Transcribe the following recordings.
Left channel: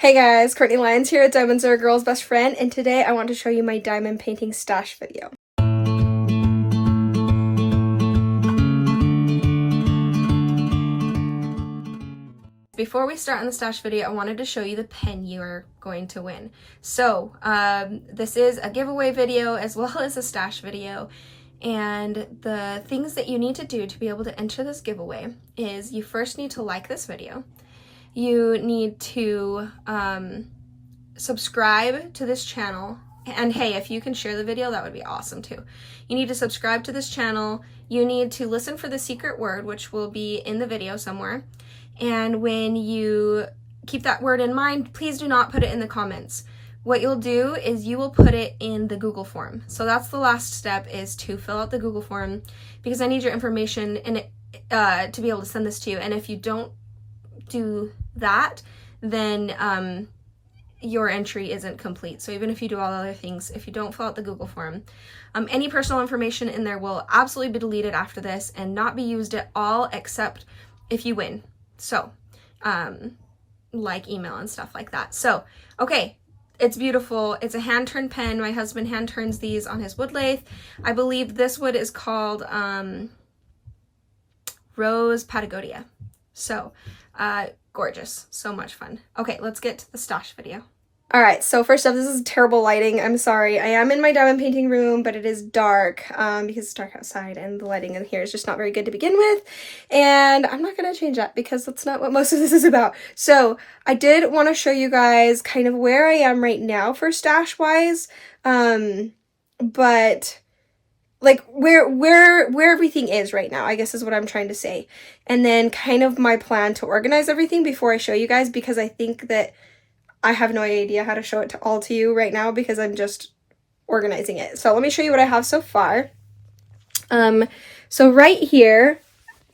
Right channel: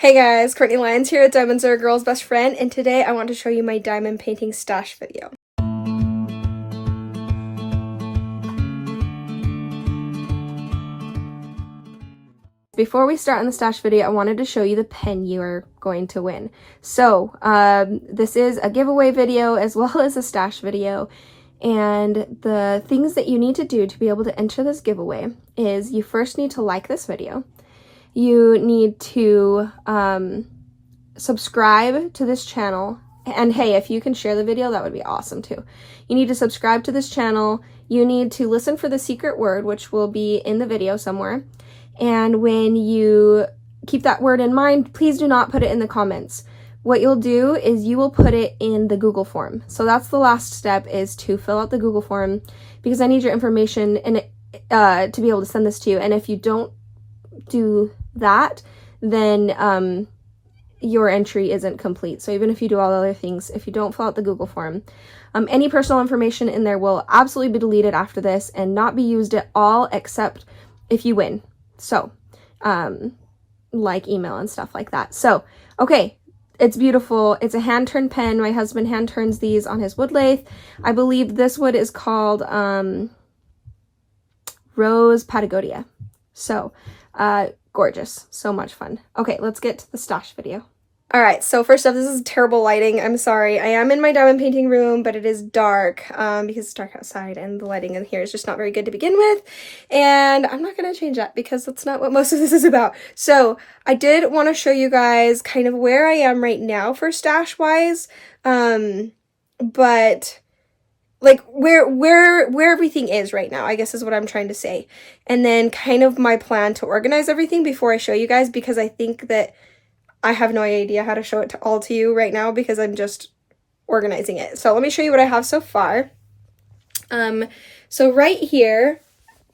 Hey guys, Courtney Lyons here at Diamonds Are a Girl's Best Friend, and today I want to show you my diamond painting stash video. Before we start on the stash video, I wanted to show you the pen you are going to win. So, this is a giveaway video as well as a stash video, and the things that you need to do to be able to enter this giveaway is you first need to like this video. You need to subscribe to this channel, and hey, if you can share the video, that would be awesome too. You need to subscribe to this channel. You need to listen for the secret word, which will be in the video somewhere, and when you keep that word in mind, please do not put it in the comments. What you'll do is you will put it in the Google form. So that's the last step, is to fill out the Google form, because I need your information and to be able to send this to you. And if you don't do that, then your entry isn't complete. So even if you do all the other things, if you don't fill out the Google form, any personal information in there will absolutely be deleted after this and not be used at all except if you win. So like email and stuff like that. So okay, it's beautiful. It's a hand turned pen. My husband hand turns these on his wood lathe. I believe this wood is called Rose Patagonia. So gorgeous, so much fun. Okay, let's get to the stash video. All right, so first up, this is terrible lighting. I'm sorry. I am in my diamond painting room, but it is dark because it's dark outside and the lighting in here is just not very good to begin with. And I'm not going to change that because that's not what most of this is about. So I did want to show you guys kind of where I am right now for stash wise. But like where everything is right now, I guess is what I'm trying to say. And then kind of my plan to organize everything before I show you guys, because I think that I have no idea how to show it all to you right now because I'm just organizing it. So let me show you what I have so far. So right here,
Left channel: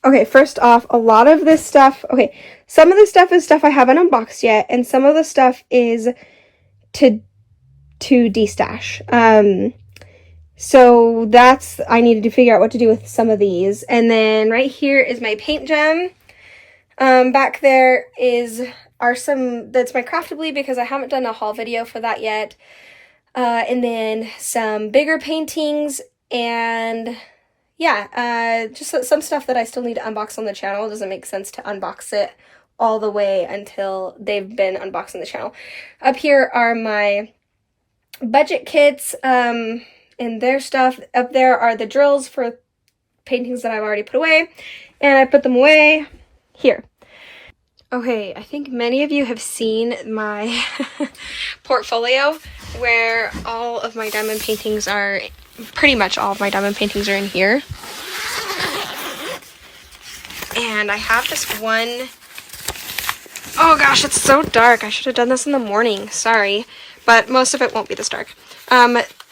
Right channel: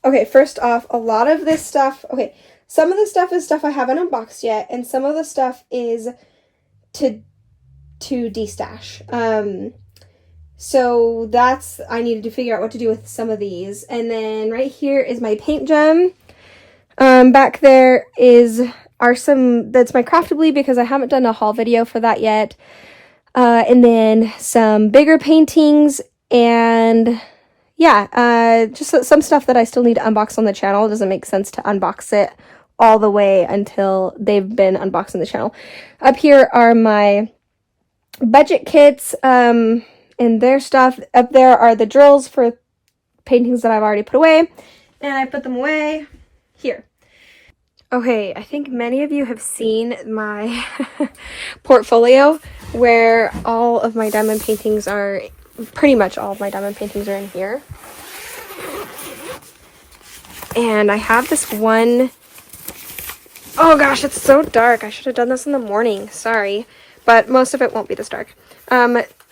okay, first off, a lot of this stuff, okay, some of the stuff is stuff I haven't unboxed yet, and some of the stuff is to destash. So that's, I needed to figure out what to do with some of these. And then right here is my paint gem. Back there that's my Craftably, because I haven't done a haul video for that yet. And then some bigger paintings, and yeah, just some stuff that I still need to unbox on the channel. It doesn't make sense to unbox it all the way until they've been unboxed on the channel. Up here are my budget kits, and their stuff. Up there are the drills for paintings that I've already put away, and I put them away here. Okay, I think many of you have seen my portfolio where all of my diamond paintings are, pretty much all of my diamond paintings are in here. And I have this one, oh gosh, it's so dark. I should have done this in the morning, sorry, but most of it won't be this dark.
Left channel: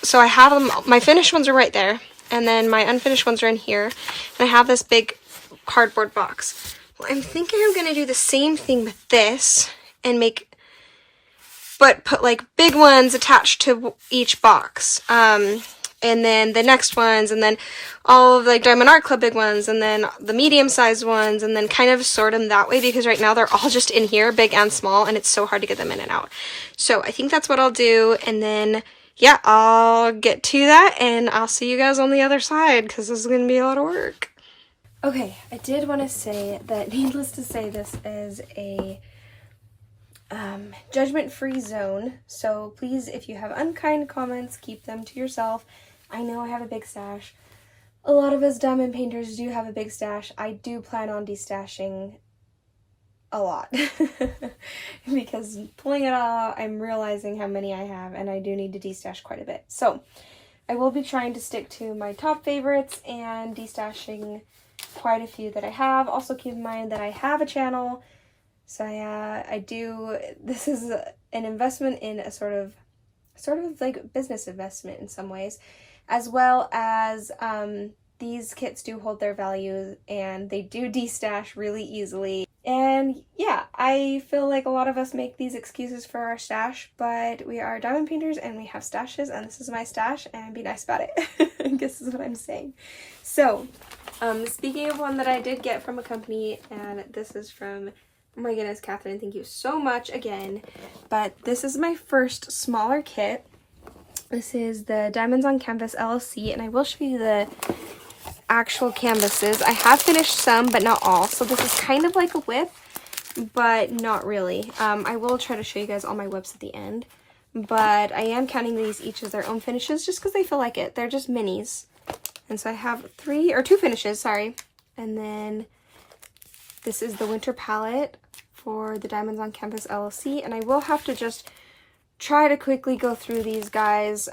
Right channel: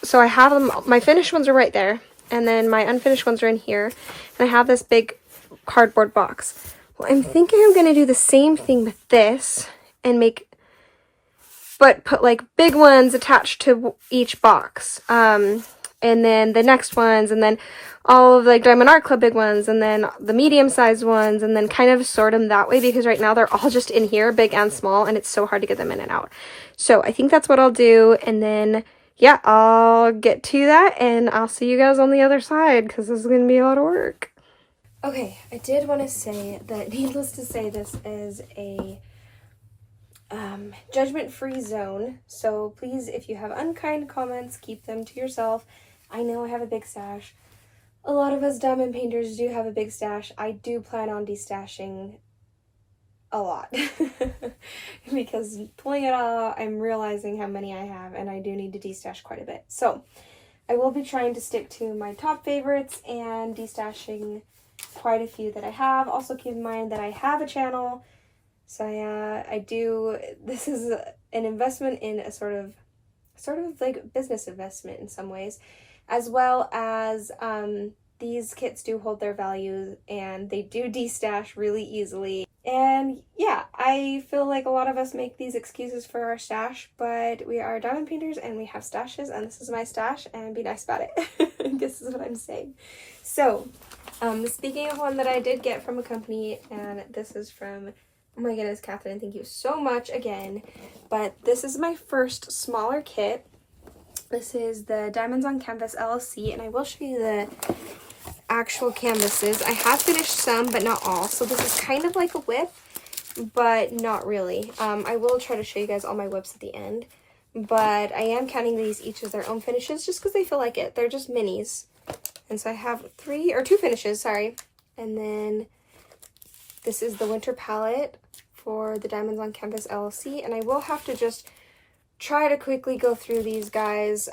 So I have them, my finished ones are right there, and then my unfinished ones are in here, and I have this big cardboard box. Well, I'm thinking I'm going to do the same thing with this, and put like big ones attached to each box, and then the next ones, and then all of like Diamond Art Club big ones, and then the medium-sized ones, and then kind of sort them that way, because right now they're all just in here, big and small, and it's so hard to get them in and out. So I think that's what I'll do, and then yeah, I'll get to that, and I'll see you guys on the other side, because this is going to be a lot of work. Okay, I did want to say that, needless to say, this is a judgment-free zone, so please, if you have unkind comments, keep them to yourself. I know I have a big stash. A lot of us diamond painters do have a big stash. I do plan on destashing a lot because pulling it all out, I'm realizing how many I have, and I do need to destash quite a bit. So I will be trying to stick to my top favorites and destashing quite a few that I have. Also keep in mind that I have a channel, so this is an investment in a sort of like business investment in some ways, as well as these kits do hold their value, and they do destash really easily. And yeah, I feel like a lot of us make these excuses for our stash, but we are diamond painters and we have stashes, and this is my stash, and be nice about it. I guess is what I'm saying. So, speaking of one that I did get from a company, and this is from Oh my goodness, Catherine, thank you so much again. But this is my first smaller kit. This is the Diamonds on Canvas LLC, and I will show you the actual canvases. I have finished some, but not all. So this is kind of like a whip, but not really. I will try to show you guys all my whips at the end. But I am counting these each as their own finishes just because they feel like it. They're just minis. And so I have two finishes, sorry. And then this is the winter palette for the Diamonds on Canvas LLC. And I will have to just try to quickly go through these guys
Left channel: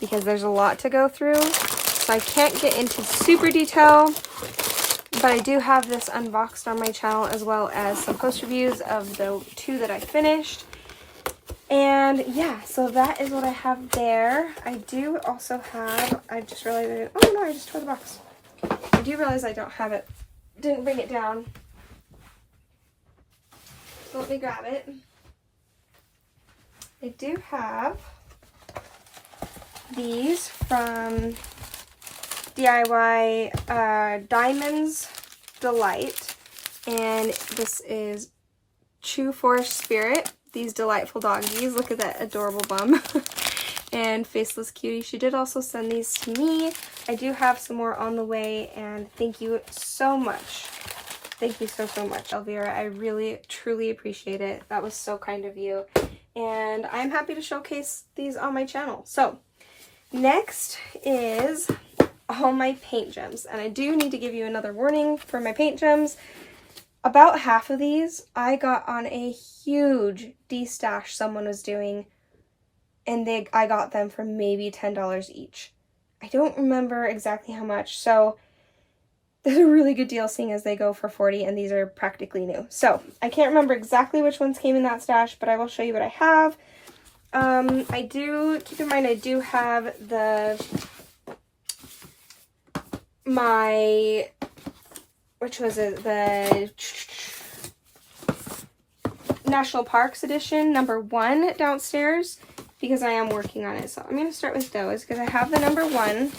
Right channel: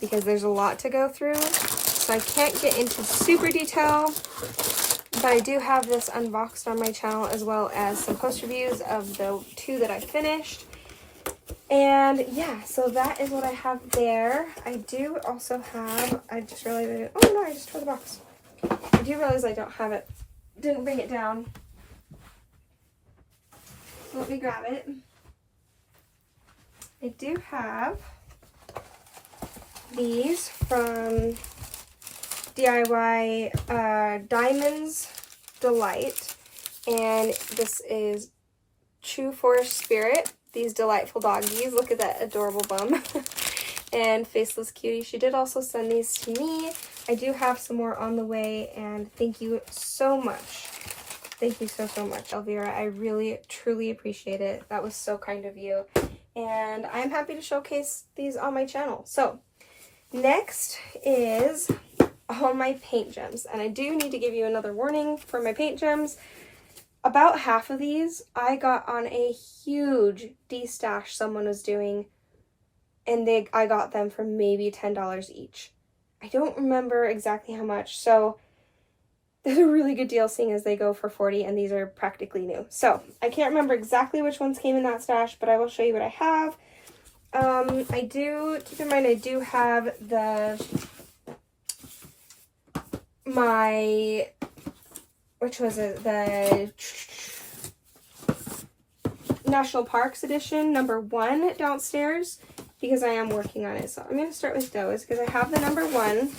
because there's a lot to go through. So I can't get into super detail, but I do have this unboxed on my channel as well as some post reviews of the two that I finished. And yeah, so that is what I have there. I do also have, I just realized, oh no, I just tore the box. I do realize I don't have it, didn't bring it down. So let me grab it. I do have these from DIY Diamonds Delight, and this is True Forest Spirit. These delightful doggies. Look at that adorable bum. And Faceless Cutie. She did also send these to me. I do have some more on the way, and thank you so much. Thank you so much, Elvira. I really, truly appreciate it. That was so kind of you. And I'm happy to showcase these on my channel. So, next is all my paint gems. And I do need to give you another warning for my paint gems. About half of these I got on a huge Destash someone was doing, and I got them for maybe $10 each. I don't remember exactly how much, so there's a really good deal seeing as they go for $40 and these are practically new. So I can't remember exactly which ones came in that stash, but I will show you what I have. I do, keep in mind I do have which was it? The National Parks edition, #1 downstairs, because I am working on it. So I'm going to start with those because I have the #1.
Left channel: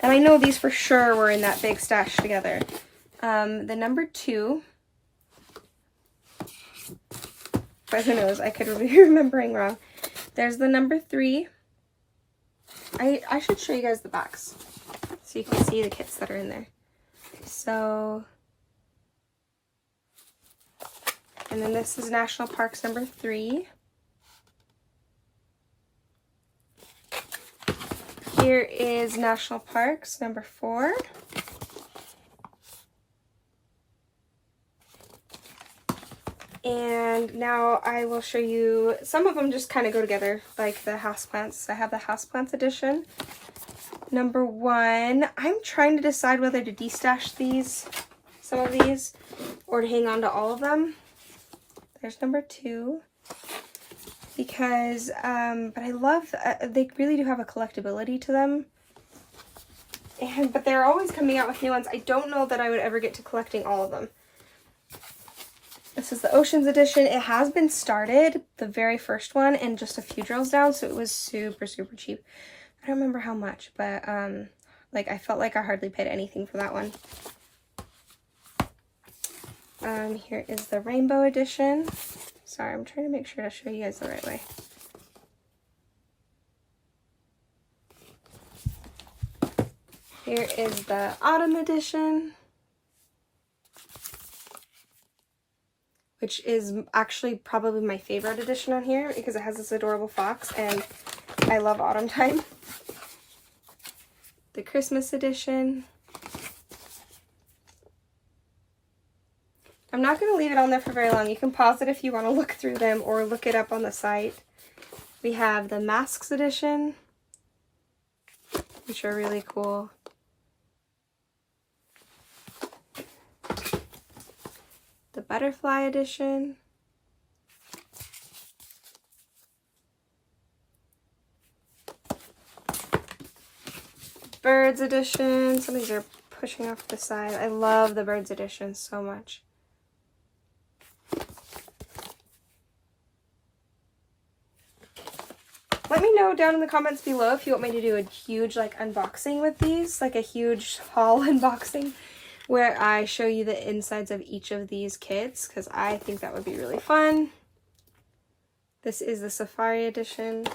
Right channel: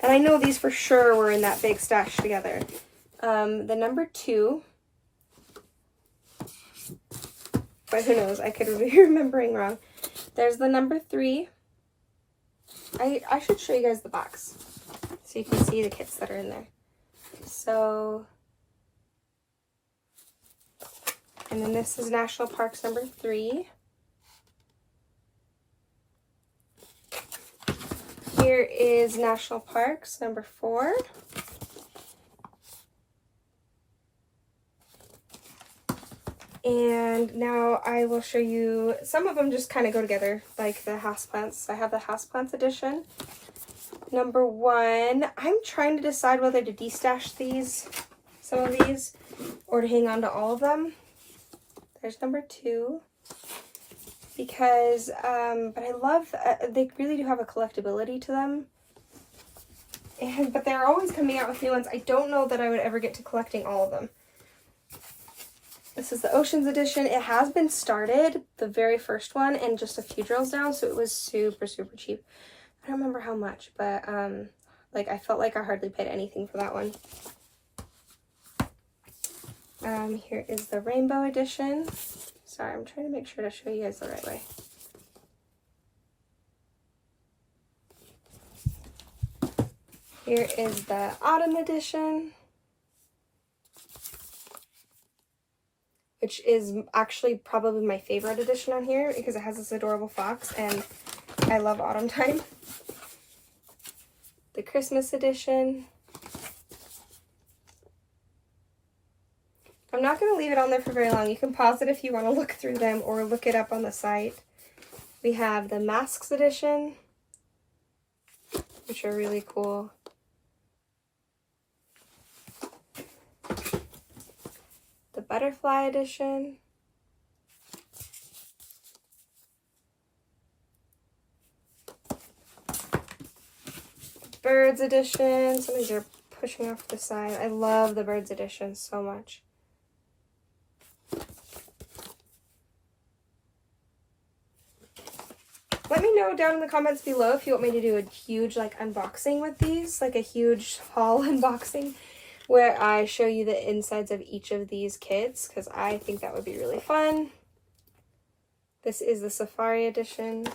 And I know these for sure were in that big stash together. The #2. But who knows? I could be remembering wrong. There's the #3. I should show you guys the box so you can see the kits that are in there. So, and then this is National Parks #3. Here is National Parks #4. And now I will show you, some of them just kind of go together, like the houseplants. I have the houseplants edition. #1, I'm trying to decide whether to destash some of these, or to hang on to all of them. There's #2, because, but I love, they really do have a collectability to them. But they're always coming out with new ones. I don't know that I would ever get to collecting all of them. This is the Oceans edition. It has been started, the very first one, and just a few drills down, so it was super, super cheap. I don't remember how much, but like I felt like I hardly paid anything for that one. Here is the Rainbow edition. Sorry, I'm trying to make sure to show you guys the right way. Here is the Autumn edition, which is actually probably my favorite edition on here because it has this adorable fox, and I love autumn time. The Christmas edition. I'm not going to leave it on there for very long. You can pause it if you want to look through them or look it up on the site. We have the Masks edition, which are really cool. The Butterfly edition. Birds edition. Some of these are pushing off the side. I love the Birds edition so much. Let me know down in the comments below if you want me to do a huge like unboxing with these, like a huge haul unboxing. where I show you the insides of each of these kits, because I think that would be really fun. This is the Safari edition.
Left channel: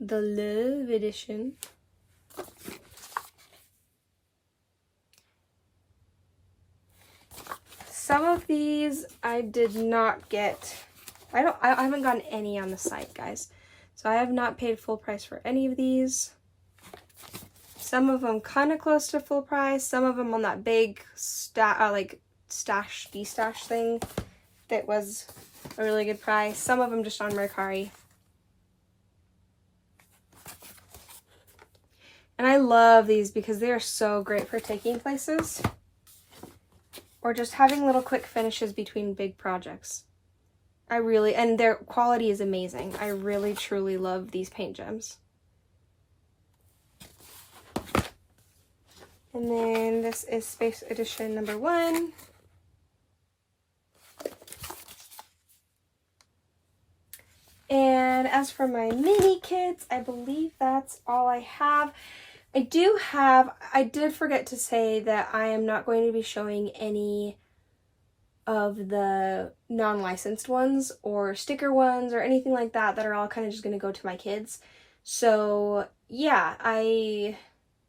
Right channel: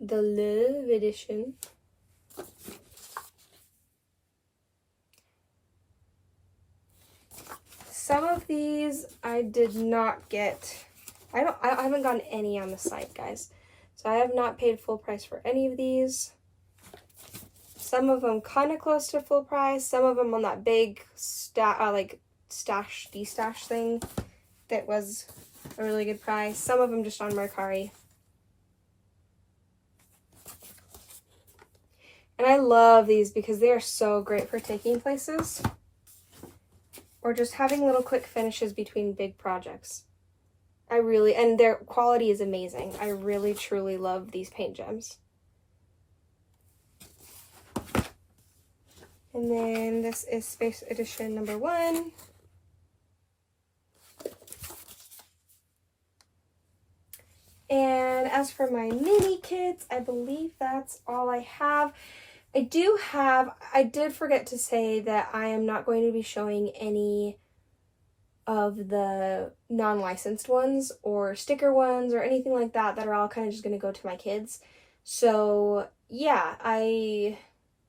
The Love edition. Some of these I did not get. I haven't gotten any on the site, guys. So I have not paid full price for any of these. Some of them kind of close to full price. Some of them on that big like stash, destash thing that was a really good price. Some of them just on Mercari. And I love these because they are so great for taking places or just having little quick finishes between big projects. And their quality is amazing. I really, truly love these paint gems. And then this is Space Edition number 1. And as for my mini kits, I believe that's all I have. I did forget to say that I am not going to be showing any of the non-licensed ones or sticker ones or anything like that that are all kind of just going to go to my kids. So yeah, I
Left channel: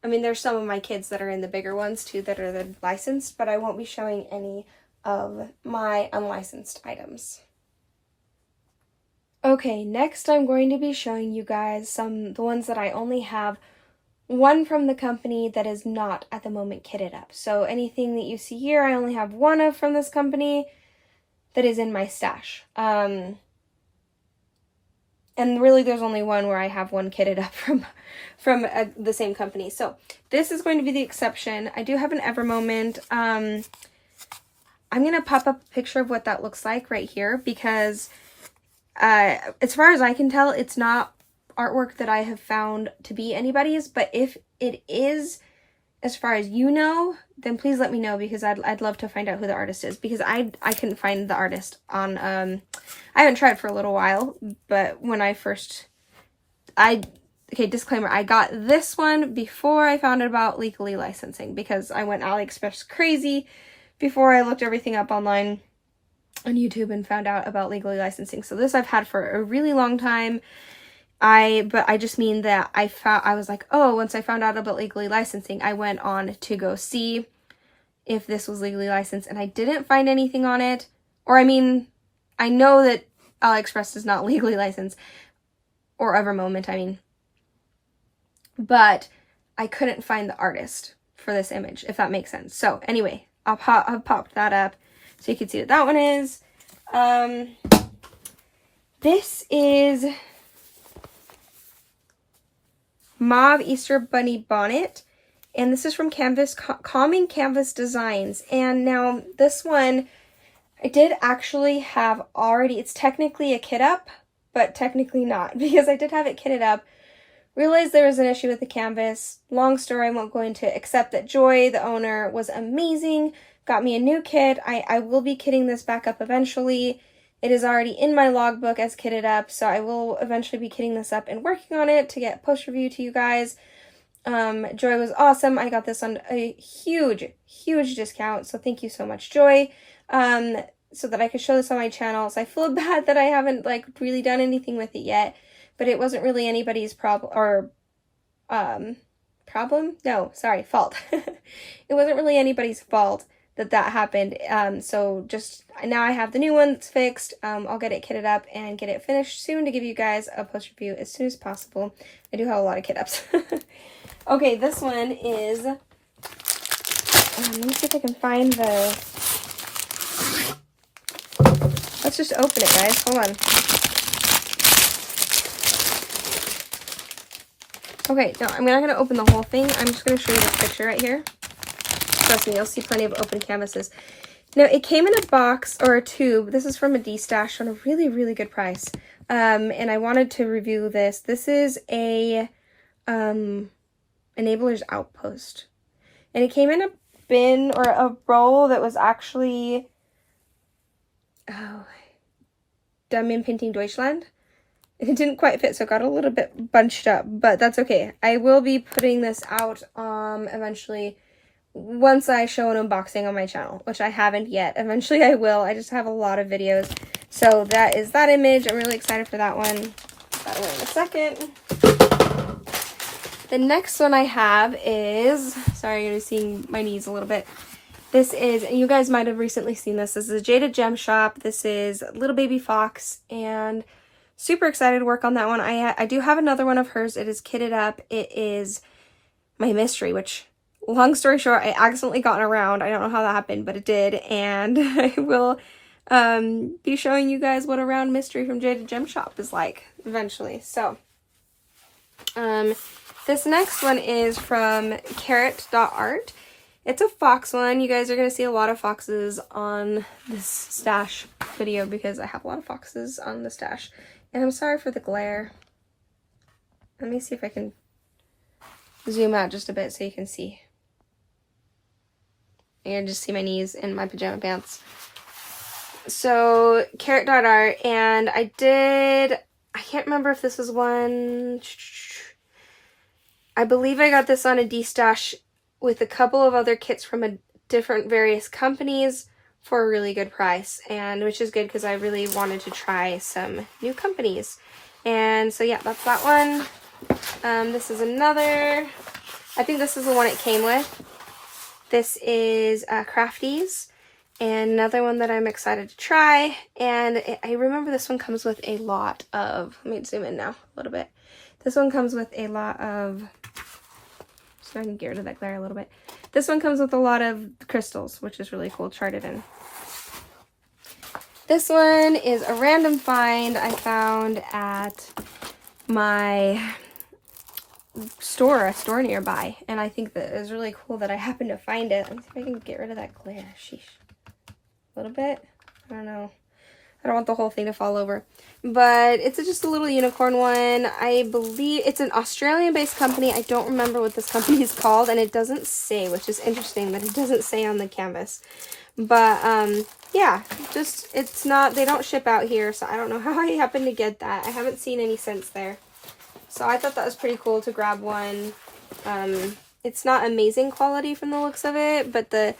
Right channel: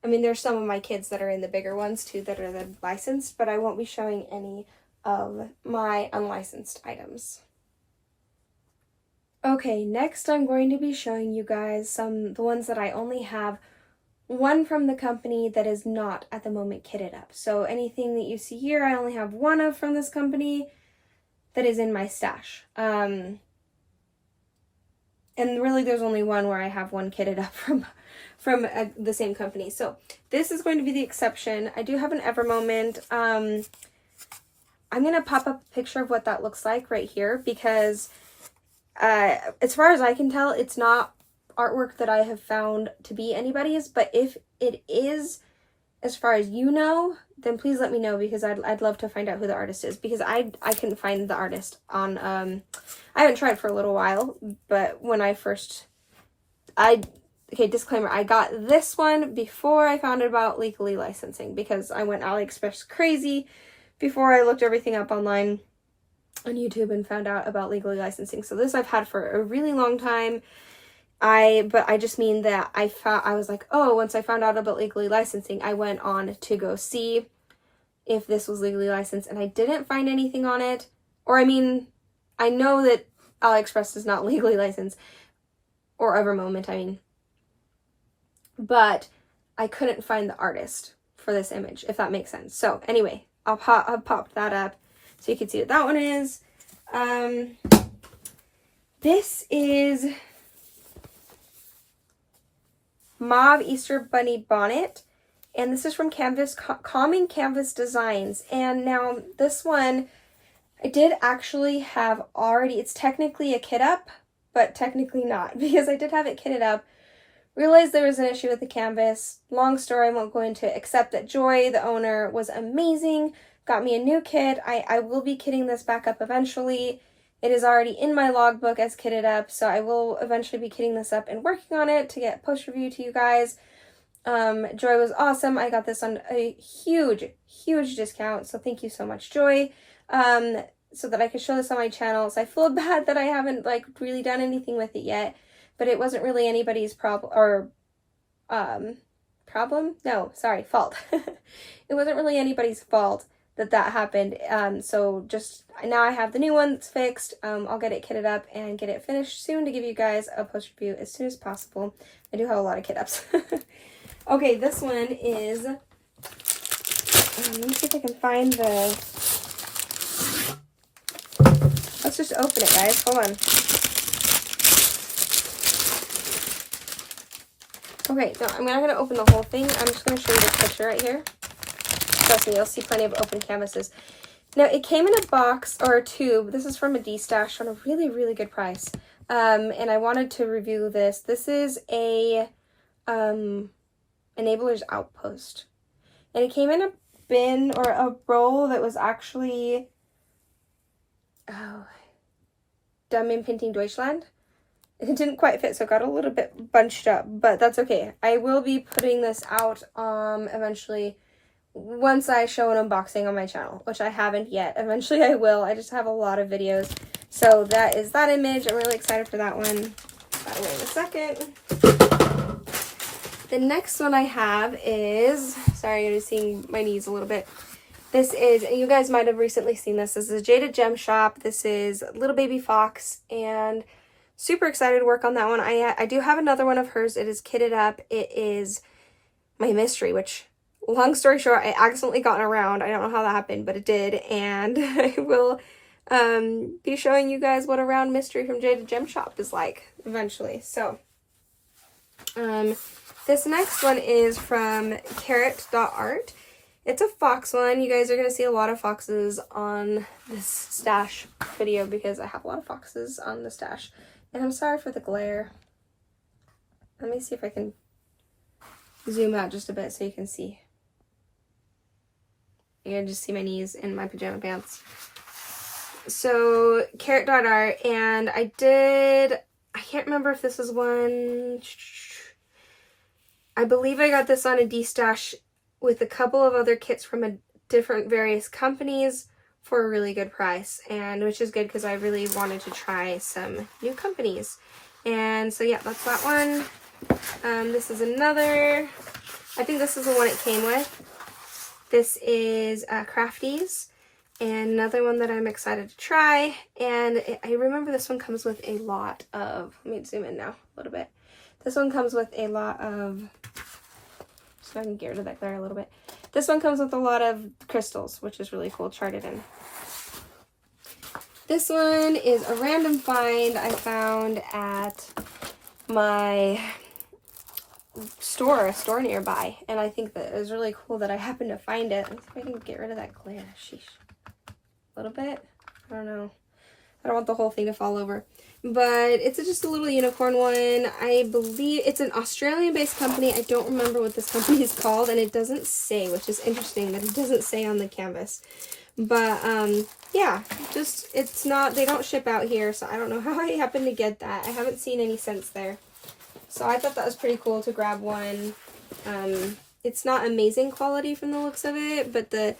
mean, there's some of my kids that are in the bigger ones too that are the licensed, but I won't be showing any of my unlicensed items. Okay, next I'm going to be showing you guys the ones that I only have one from the company that is not at the moment kitted up. So anything that you see here, I only have one of from this company that is in my stash. And really there's only one where I have one kitted up from the same company. So this is going to be the exception. I do have an Ever Moment. I'm going to pop up a picture of what that looks like right here because as far as I can tell, it's not artwork that I have found to be anybody's, but if it is, as far as you know, then please let me know because I'd love to find out who the artist is because I couldn't find the artist on, I haven't tried for a little while, but when I first, okay, disclaimer, I got this one before I found out about legally licensing because I went AliExpress crazy before I looked everything up online on YouTube and found out about legally licensing. So this I've had for a really long time. But I just mean that I was like, oh, once I found out about legally licensing, I went on to go see if this was legally licensed and I didn't find anything on it. Or I mean, I know that AliExpress is not legally licensed or Ever Moment, I mean, but I couldn't find the artist for this image, if that makes sense. So anyway, I'll pop that up so you can see what that one is. This is Mauve Easter Bunny Bonnet, and this is from Calming Canvas Designs. And now this one I did actually have already, it's technically a kit up, but technically not because I did have it kitted up. Realized there was an issue with the canvas. Long story, I won't go into, except that Joy, the owner, was amazing, got me a new kit. I will be kitting this back up eventually. It is already in my logbook as kitted up, so I will eventually be kitting this up and working on it to get post review to you guys. Joy was awesome. I got this on a huge discount, so thank you so much, Joy. So that I could show this on my channel. So I feel bad that I haven't like really done anything with it yet, but it wasn't really anybody's problem or fault. It wasn't really anybody's fault that happened. So just now I have the new one that's fixed. I'll get it kitted up and get it finished soon to give you guys a post review as soon as possible. I do have a lot of kit ups. Okay, this one is, let me see if I can find the, let's just open it, guys. Hold on. Okay, no, I'm not going to open the whole thing. I'm just going to show you the picture right here. Trust me, you'll see plenty of open canvases. Now, it came in a box or a tube. This is from a Destash on a really good price. And I wanted to review this. This is a Enabler's Outpost. And it came in a bin or a roll that was actually Dumb in Painting Deutschland. it didn't quite fit, so it got a little bit bunched up, but that's okay. I will be putting this out eventually once I show an unboxing on my channel, which I haven't yet. Eventually I will. I just have a lot of videos. So that is that image. I'm really excited for that one. That one in a second. The next one I have is, sorry, you're seeing my knees a little bit. This is, you guys might have recently seen this. This is a Jada Gem Shop. This is Little Baby Fox, and super excited to work on that one. I do have another one of hers. It is kitted up. It is my mystery, which, long story short, I accidentally got around. I don't know how that happened, but it did. And I will be showing you guys what a round mystery from Jada Gem Shop is like eventually. So, this next one is from carrot.art. It's a fox one. You guys are going to see a lot of foxes on this stash video because I have a lot of foxes on the stash. And I'm sorry for the glare. Let me see if I can zoom out just a bit so you can see. You can just see my knees in my pajama pants. So, carrot.art, and I can't remember if this was one. I believe I got this on a Destash with a couple of other kits from different various companies for a really good price, and which is good because I really wanted to try some new companies. And so yeah, that's that one. This is another, I think this is the one it came with. This is Crafties, and another one that I'm excited to try. And I remember this one comes with a lot of, let me zoom in now a little bit. This one comes with a lot of, so I can get rid of that glare a little bit. This one comes with a lot of crystals, which is really cool, charted in. This one is a random find I found at my store, a store nearby. And I think that it's really cool that I happened to find it. Let me see if I can get rid of that glare. Sheesh. A little bit. I don't know. I don't want the whole thing to fall over. But it's just a little unicorn one. I believe it's an Australian-based company. I don't remember what this company is called, and it doesn't say, which is interesting that it doesn't say on the canvas. But, yeah, just, it's not, they don't ship out here, so I don't know how I happened to get that. I haven't seen any since there. So I thought that was pretty cool to grab one. It's not amazing quality from the looks of it, but the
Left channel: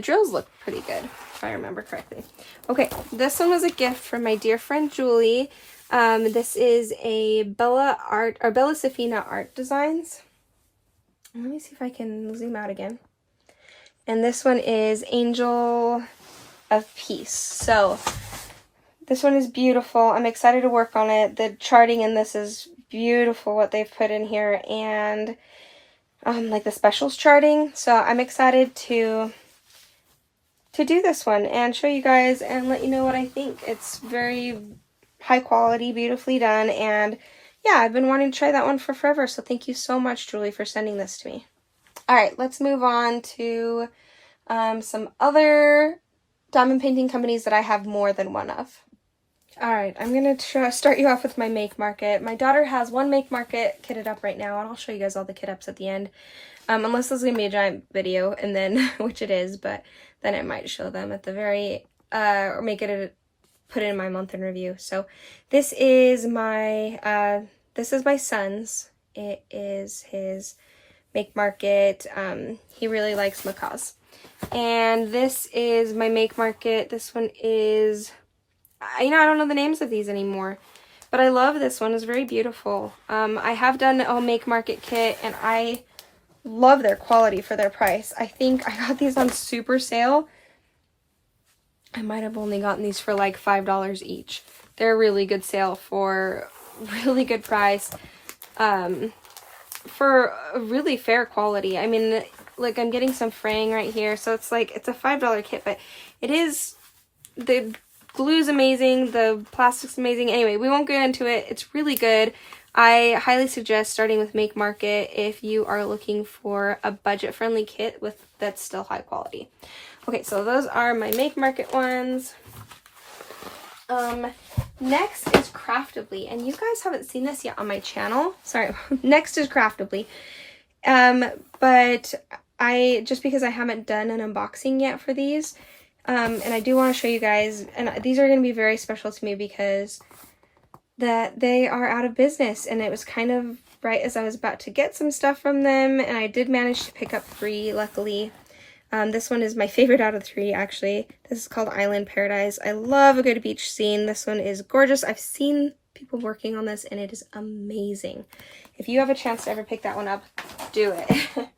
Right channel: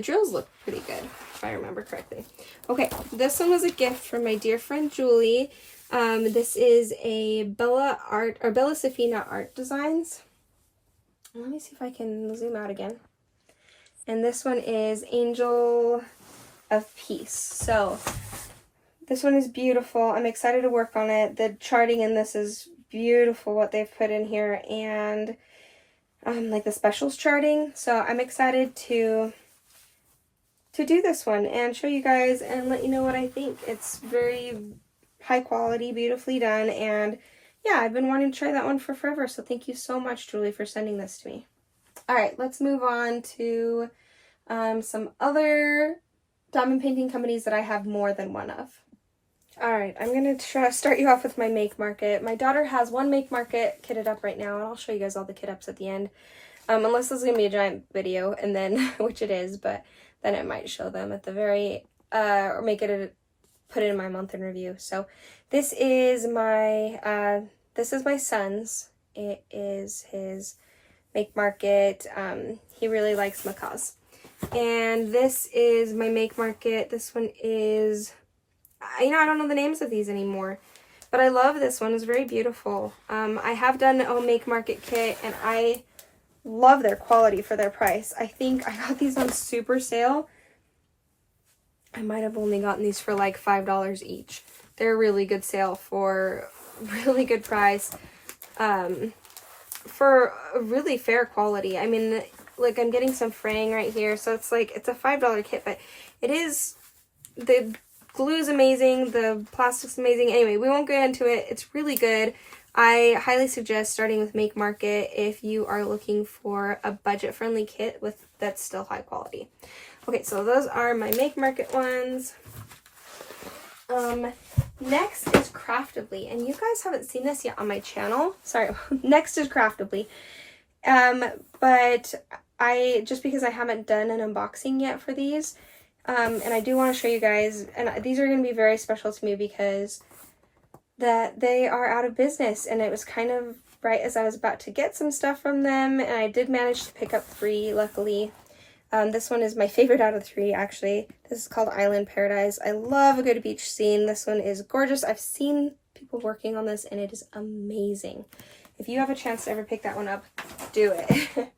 drills look pretty good, if I remember correctly. Okay, this one was a gift from my dear friend Julie. This is a Bella Safina Art Designs. Let me see if I can zoom out again. And this one is Angel of Peace. So this one is beautiful. I'm excited to work on it. The charting in this is beautiful, what they've put in here, and like the specials charting. So I'm excited to do this one and show you guys and let you know what I think. It's very high quality, beautifully done, and yeah, I've been wanting to try that one for forever, so thank you so much, Julie, for sending this to me. Alright, let's move on to some other diamond painting companies that I have more than one of. Alright, I'm going to start you off with my Make Market. My daughter has one Make Market kitted up right now, and I'll show you guys all the kit ups at the end. Unless this is going to be a giant video, and then, which it is, but then I might show them at the very, or put it in my month in review. So this is my son's. It is his Make Market. He really likes macaws. And this is my Make Market. This one is, I don't know the names of these anymore, but I love this one. It's very beautiful. I have done a Make Market kit, and I love their quality for their price. I think I got these on super sale. I might have only gotten these for like $5 each. They're a really good sale for really good price. For a really fair quality. I mean, like, I'm getting some fraying right here, so it's like, it's a $5 kit, but it is, the glue's amazing, the plastic's amazing. Anyway, we won't get into it. It's really good. I highly suggest starting with Make Market if you are looking for a budget-friendly kit that's still high quality. Okay, so those are my Make Market ones. Next is Craftably, and you guys haven't seen this yet on my channel. Sorry, next is Craftably. But just because I haven't done an unboxing yet for these, and I do want to show you guys, and these are going to be very special to me because that they are out of business, and it was kind of right as I was about to get some stuff from them, and I did manage to pick up 3, luckily. This one is my favorite out of 3, actually. This is called Island Paradise. I love a good beach scene. This one is gorgeous. I've seen people working on this, and it is amazing. If you have a chance to ever pick that one up, do it.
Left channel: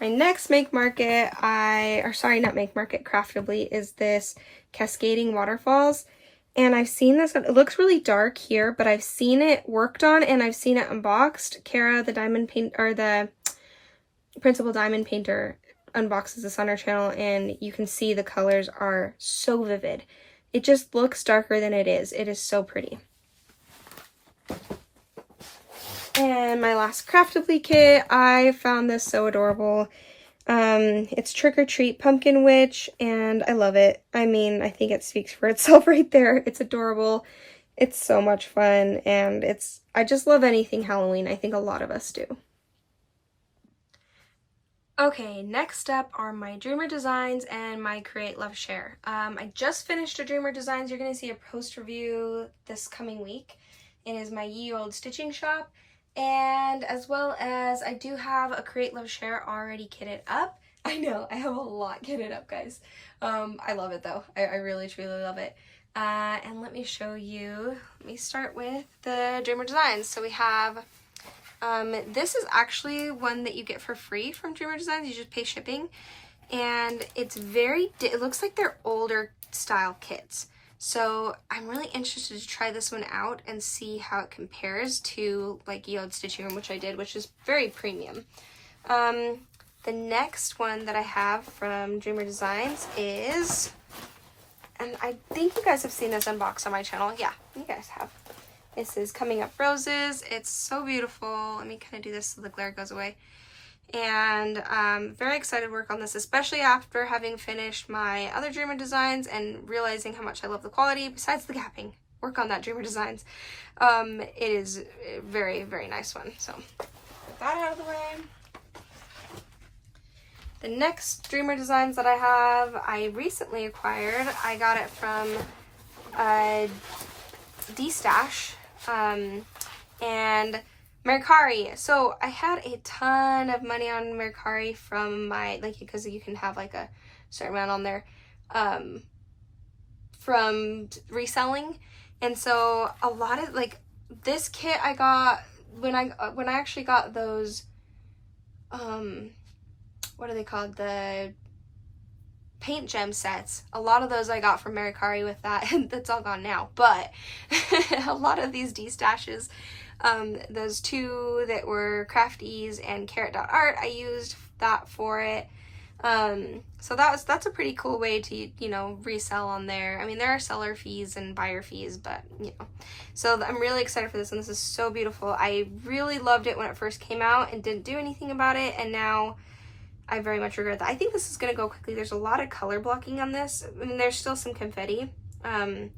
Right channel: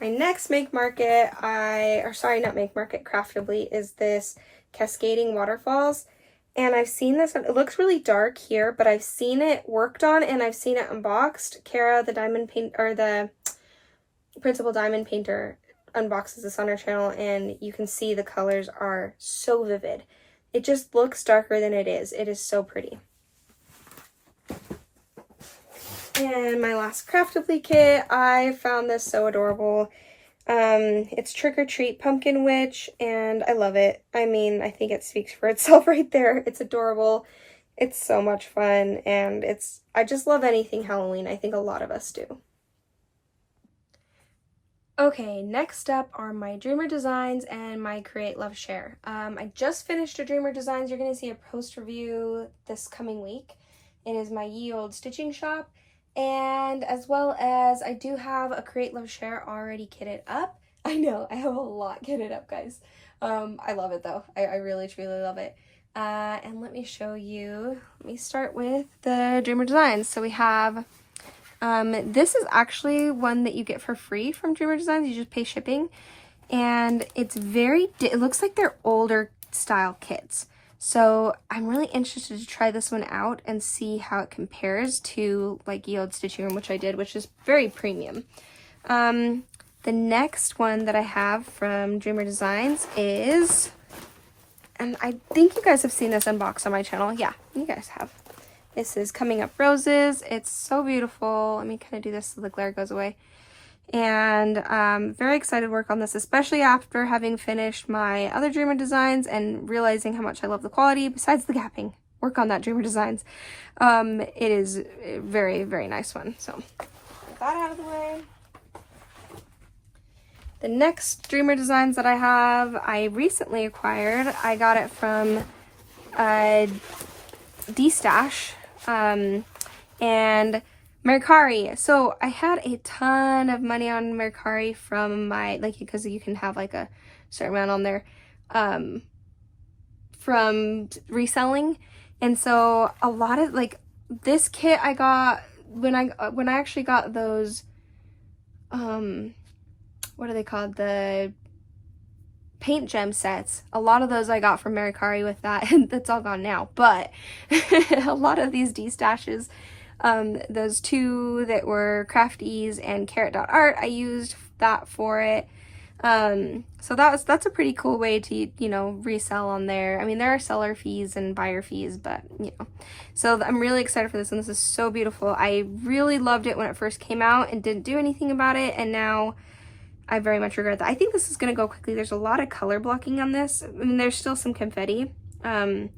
My next Make Market, Craftably, is this Cascading Waterfalls. And I've seen this, it looks really dark here, but I've seen it worked on and I've seen it unboxed. Kara, the principal diamond painter, unboxes this on her channel, and you can see the colors are so vivid. It just looks darker than it is. It is so pretty. And my last Craftably kit, I found this so adorable. It's Trick or Treat Pumpkin Witch, and I love it. I mean, I think it speaks for itself right there. It's adorable. It's so much fun, and I just love anything Halloween. I think a lot of us do. Okay, next up are my Dreamer Designs and my Create, Love, Share. I just finished a Dreamer Designs. You're going to see a post review this coming week. It is my ye old stitching shop. And as well as I do have a Create, Love, Share already kitted up. I know, I have a lot kitted up, guys. I love it though. I really, truly love it. And let me show you. Let me start with the Dreamer Designs. So we have, this is actually one that you get for free from Dreamer Designs. You just pay shipping. And it's it looks like they're older style kits. So I'm really interested to try this one out and see how it compares to like ye old stitching room, which I did, which is very premium. The next one that I have from Dreamer Designs is, and I think you guys have seen this unboxed on my channel. Yeah, you guys have. This is Coming Up Roses. It's so beautiful. Let me kind of do this so the glare goes away. And very excited to work on this, especially after having finished my other Dreamer Designs and realizing how much I love the quality, besides the gapping. Work on that Dreamer Designs. It is a very, very nice one. So, get that out of the way. The next Dreamer Designs that I have, I recently acquired. I got it from Destash and Mercari. So I had a ton of money on Mercari from my, because you can have like a certain amount on there from reselling. And so a lot of this kit I got when I actually got those what are they called, the paint gem sets. A lot of those I got from Mercari with that, and that's all gone now. But a lot of these D-stashes, those 2 that were Crafties and Carrot.art, I used that for it. So that's a pretty cool way to, resell on there. I mean, there are seller fees and buyer fees, but, So I'm really excited for this, and this is so beautiful. I really loved it when it first came out and didn't do anything about it, and now I very much regret that. I think this is going to go quickly. There's a lot of color blocking on this. I mean, there's still some confetti, but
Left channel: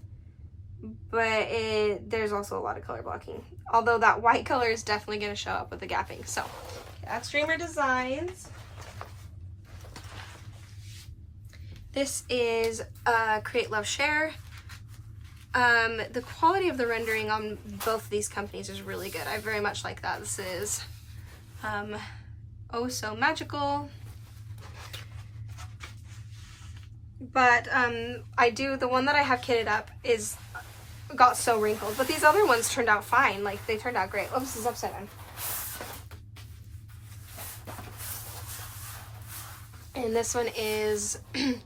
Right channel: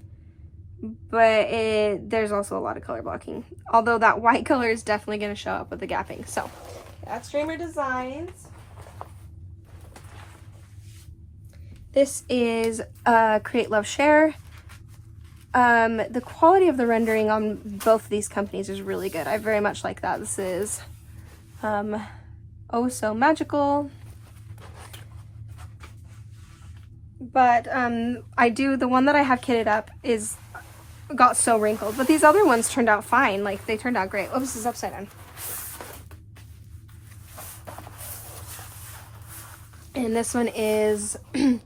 there's also a lot of color blocking. Although that white color is definitely going to show up with the gapping. So, that's Dreamer Designs. This is Create, Love, Share. The quality of the rendering on both of these companies is really good. I very much like that. This is Oh So Magical. But the one that I have kitted up got so wrinkled. But these other ones turned out fine. They turned out great. Oh, this is upside down. And this one is the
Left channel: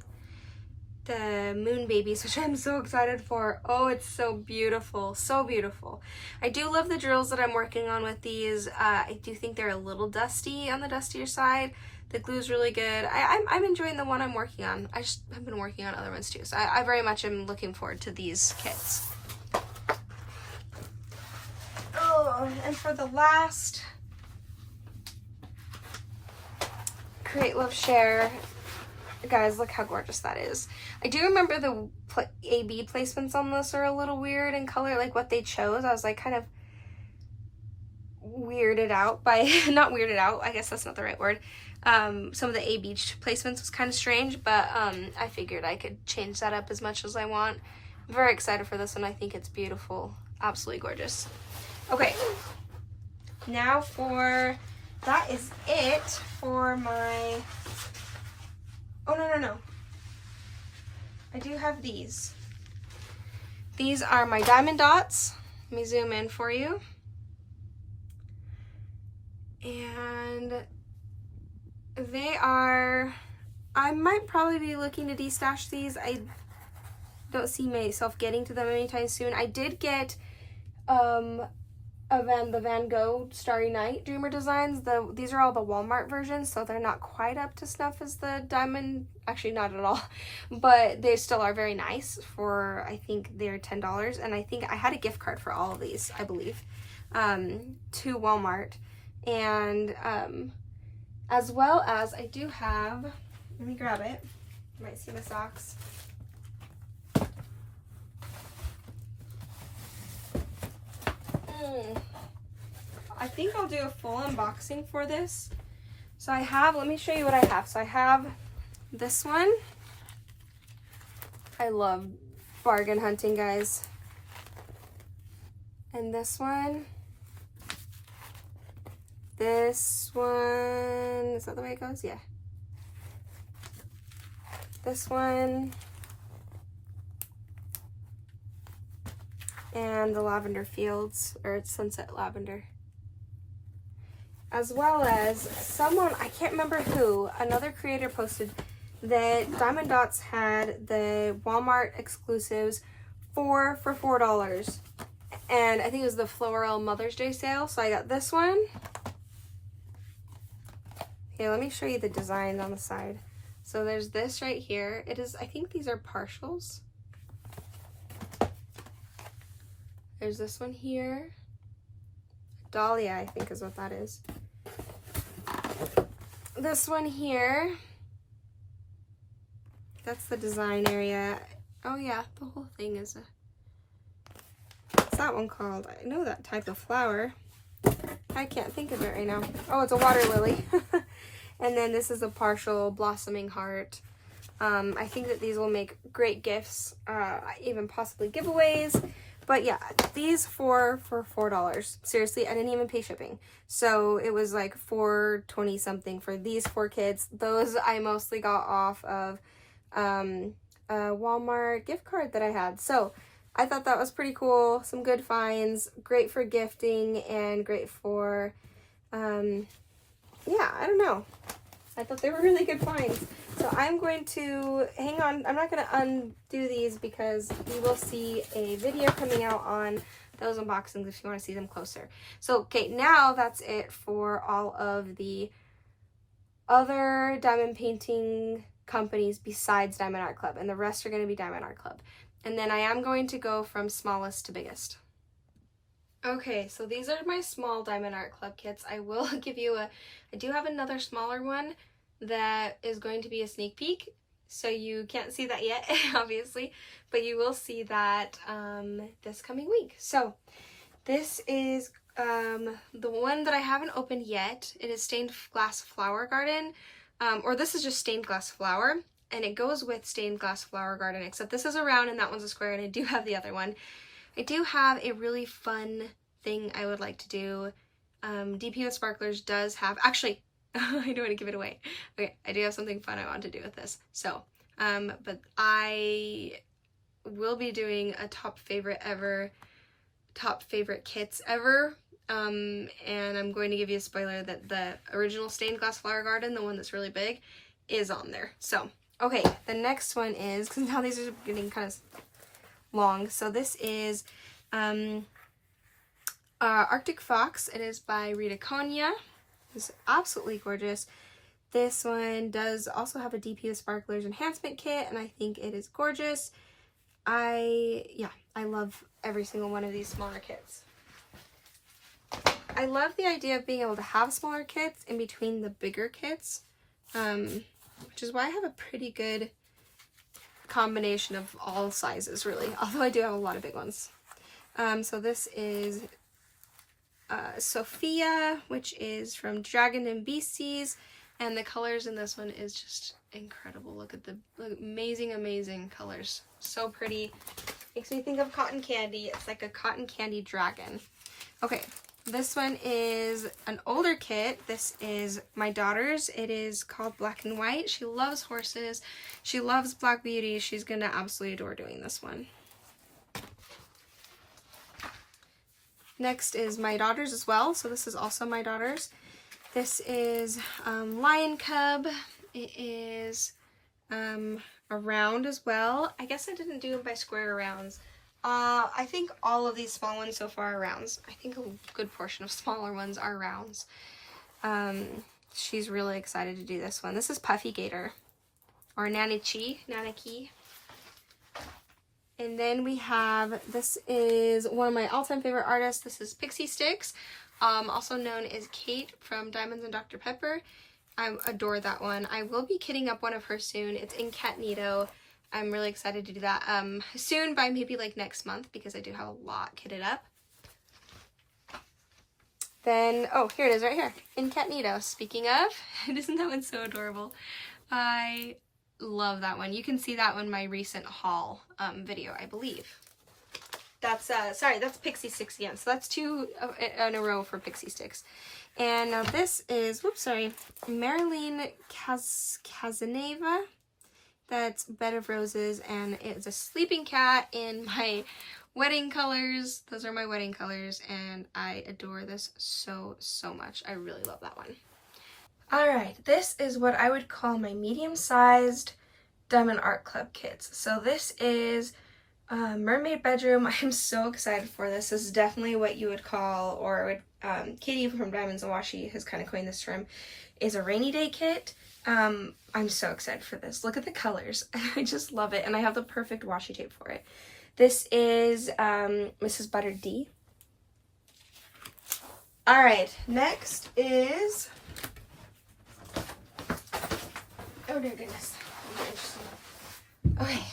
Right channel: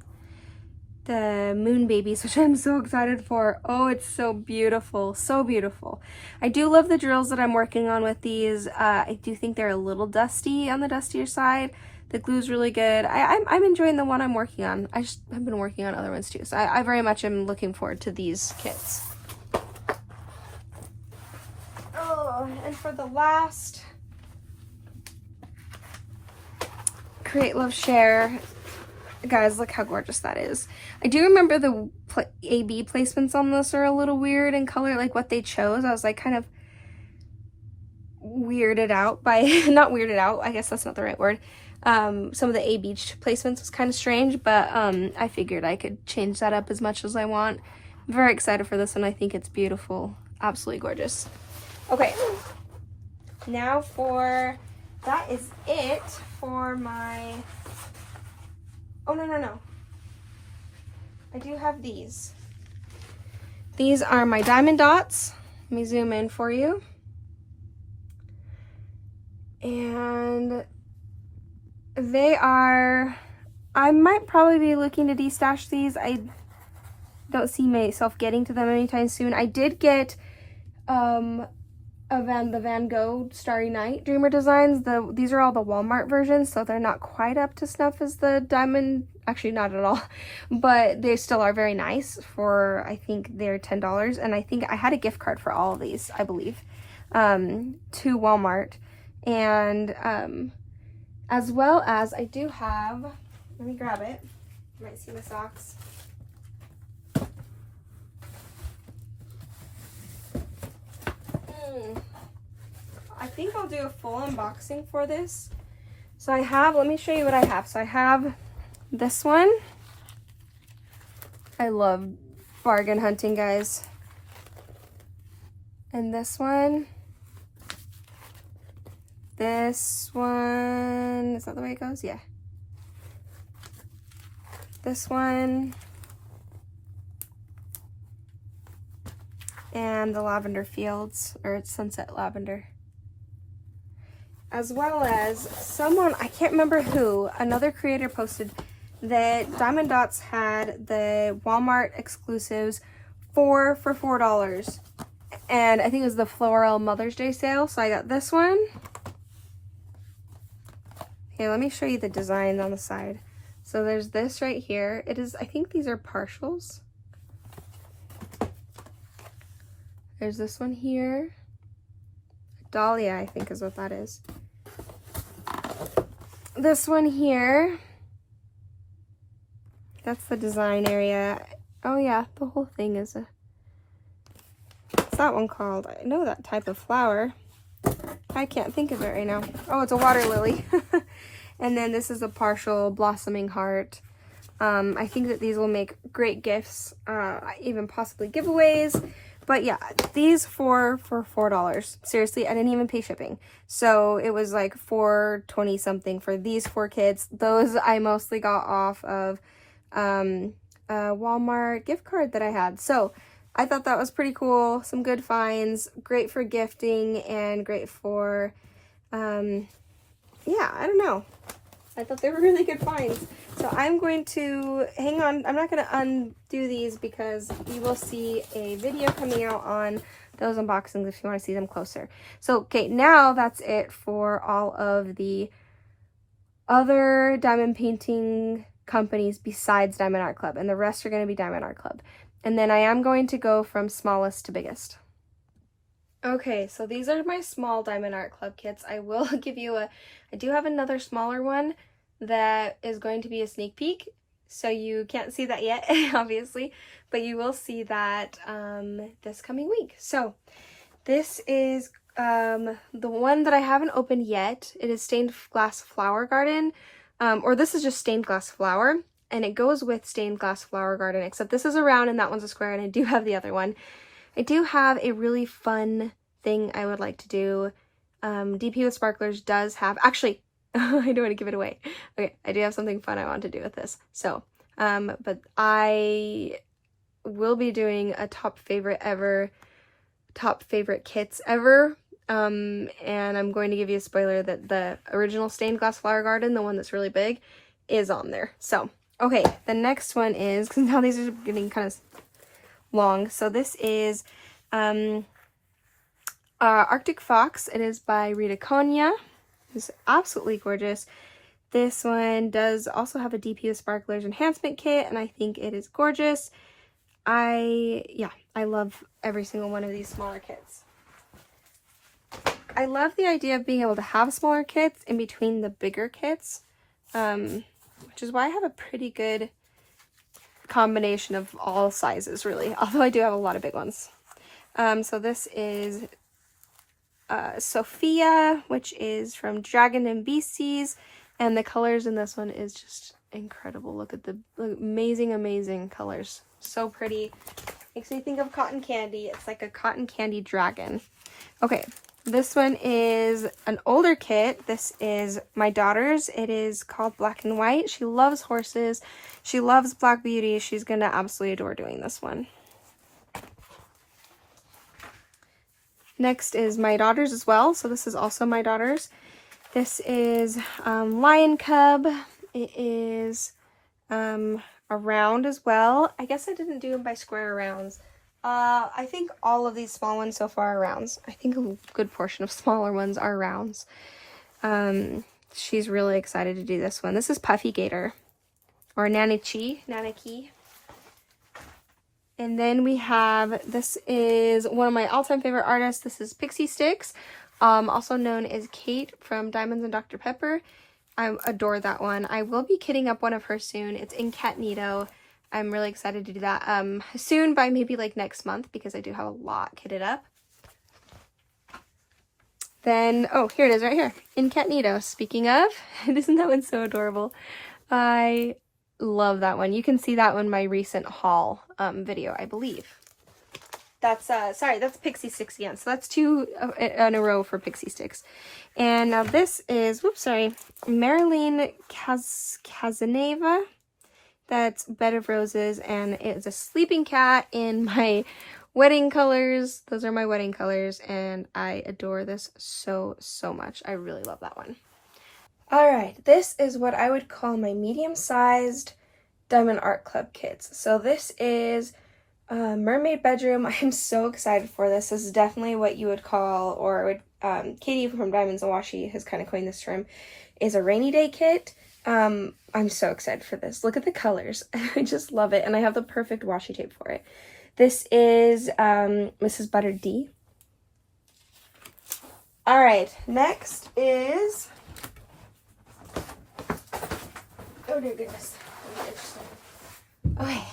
Moon Babies, which I'm so excited for. Oh, it's so beautiful. So beautiful. I do love the drills that I'm working on with these. I do think they're a little dusty on the dustier side. The glue's really good. I'm enjoying the one I'm working on. I've been working on other ones too, so I very much am looking forward to these kits. Oh, and for the last Create, Love, Share, guys, look how gorgeous that is. I do remember the AB placements on this are a little weird in color, like what they chose. I was like, kind of, weirded out by, not weirded out, I guess that's not the right word. Some of the A Beach placements was kind of strange, but I figured I could change that up as much as I want. I'm very excited for this one. I think it's beautiful. Absolutely gorgeous. Okay. Now that is it for my, oh, no. I do have these. These are my diamond dots. Let me zoom in for you. And they are, I might probably be looking to destash these. I don't see myself getting to them anytime soon. I did get the Van Gogh Starry Night Dreamer designs. These are all the Walmart versions, so they're not quite up to snuff as the diamond. Actually, not at all, but they still are very nice for, I think they're $10, and I think I had a gift card for all of these, I believe, to Walmart. And as well as I do have, let me grab it, you might see my socks. I think I'll do a full unboxing for this. So I have, let me show you what I have. So I have this one. I love bargain hunting, guys. And this one. This one, is that the way it goes? Yeah. This one. And the lavender fields, or it's sunset lavender. As well as someone, I can't remember who, another creator posted that Diamond Dots had the Walmart exclusives for $4. And I think it was the floral Mother's Day sale, so I got this one. Okay, let me show you the design on the side. So there's this right here. It is, I think these are partials. There's this one here. Dahlia, I think is what that is. This one here. That's the design area. Oh yeah, the whole thing is a, what's that one called? I know that type of flower. I can't think of it right now. Oh, it's a water lily. And then this is a partial blossoming heart. I think that these will make great gifts, even possibly giveaways. But yeah, these for $4. Seriously, I didn't even pay shipping. So it was like $4.20 something for these 4 kits. Those I mostly got off of a Walmart gift card that I had. So I thought that was pretty cool. Some good finds, great for gifting, and great for, yeah, I don't know. I thought they were really good finds. So I'm going to, hang on, I'm not going to undo these because you will see a video coming out on those unboxings if you want to see them closer. So, okay, now that's it for all of the other diamond painting companies besides Diamond Art Club, and the rest are going to be Diamond Art Club. And then I am going to go from smallest to biggest. Okay, so these are my small Diamond Art Club kits. I will give you I do have another smaller one that is going to be a sneak peek, so you can't see that yet, obviously, but you will see that this coming week. So this is the one that I haven't opened yet. It is Stained Glass Flower Garden, or this is just Stained Glass Flower, and it goes with Stained Glass Flower Garden, except this is a round and that one's a square, and I do have the other one. I do have a really fun thing I would like to do. DP with Sparklers does have, actually, I don't want to give it away. Okay, I do have something fun I want to do with this. So, but I will be doing a top favorite kits ever. And I'm going to give you a spoiler that the original Stained Glass Flower Garden, the one that's really big, is on there. So, okay, the next one is, because now these are getting kind of long. So this is Arctic Fox. It is by Rita Konya. It's absolutely gorgeous. This one does also have a DP with Sparklers enhancement kit, and I think it is gorgeous. I love every single one of these smaller kits. I love the idea of being able to have smaller kits in between the bigger kits, which is why I have a pretty good combination of all sizes, really, although I do have a lot of big ones. So this is Sophia, which is from Dragon and Beasties, and the colors in this one is just incredible. Look at the amazing, amazing colors. So pretty. Makes me think of cotton candy. It's like a cotton candy dragon. Okay, this one is an older kit. This is my daughter's. It is called Black and White. She loves horses. She loves Black Beauty. She's going to absolutely adore doing this one. Next is my daughter's as well. So this is also my daughter's. This is Lion Cub. It is a round as well. I guess I didn't do them by square rounds. I think all of these small ones so far are rounds. I think a good portion of smaller ones are rounds. She's really excited to do this one. This is Puffy Gator, or Nanaki. And then we have, this is one of my all-time favorite artists. This is Pixie Sticks, also known as Kate from Diamonds and Dr. Pepper. I adore that one. I will be kitting up one of her soon. It's in Catnito. I'm really excited to do that soon, by maybe like next month, because I do have a lot kitted up. Then, oh, here it is right here, in Catnito. Speaking of, isn't that one so adorable? I love that one. You can see that one in my recent haul video, I believe. That's, sorry, that's Pixie Sticks again. So that's 2 in a row for Pixie Sticks. And now this is, whoops, sorry, Marilyn Casanova. That's Bed of Roses, and it's a sleeping cat in my wedding colors. Those are my wedding colors, and I adore this so, so much. I really love that one. Alright, this is what I would call my medium-sized Diamond Art Club kits. So this is Mermaid Bedroom. I'm so excited for this. This is definitely what you would call, or would Katie from Diamonds and Washi has kind of coined this term, is a rainy day kit. I'm so excited for this. Look at the colors. I just love it, and I have the perfect washi tape for it. This is Mrs. Butter D. Alright, next is, oh dear goodness. Okay.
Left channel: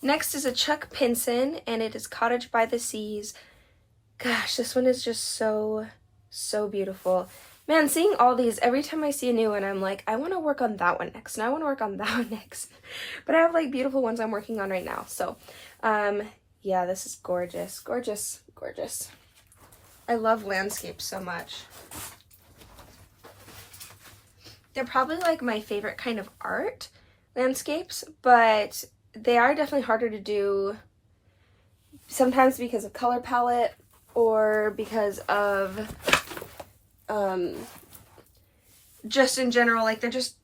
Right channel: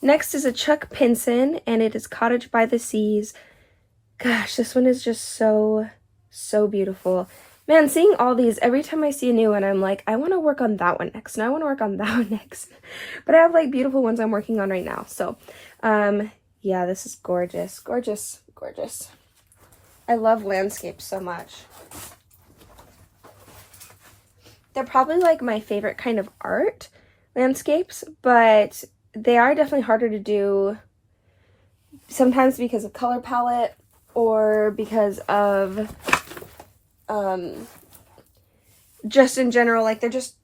Next is a Chuck Pinson, and it is Cottage by the Seas. Gosh, this one is just so, so beautiful. Man, seeing all these, every time I see a new one, I'm like, I want to work on that one next, and I want to work on that one next. But I have, like, beautiful ones I'm working on right now. So, yeah, this is gorgeous. Gorgeous, gorgeous. I love landscapes so much. They're probably, like, my favorite kind of art, landscapes, but they are definitely harder to do, sometimes because of color palette, or because of just in general, like they're just,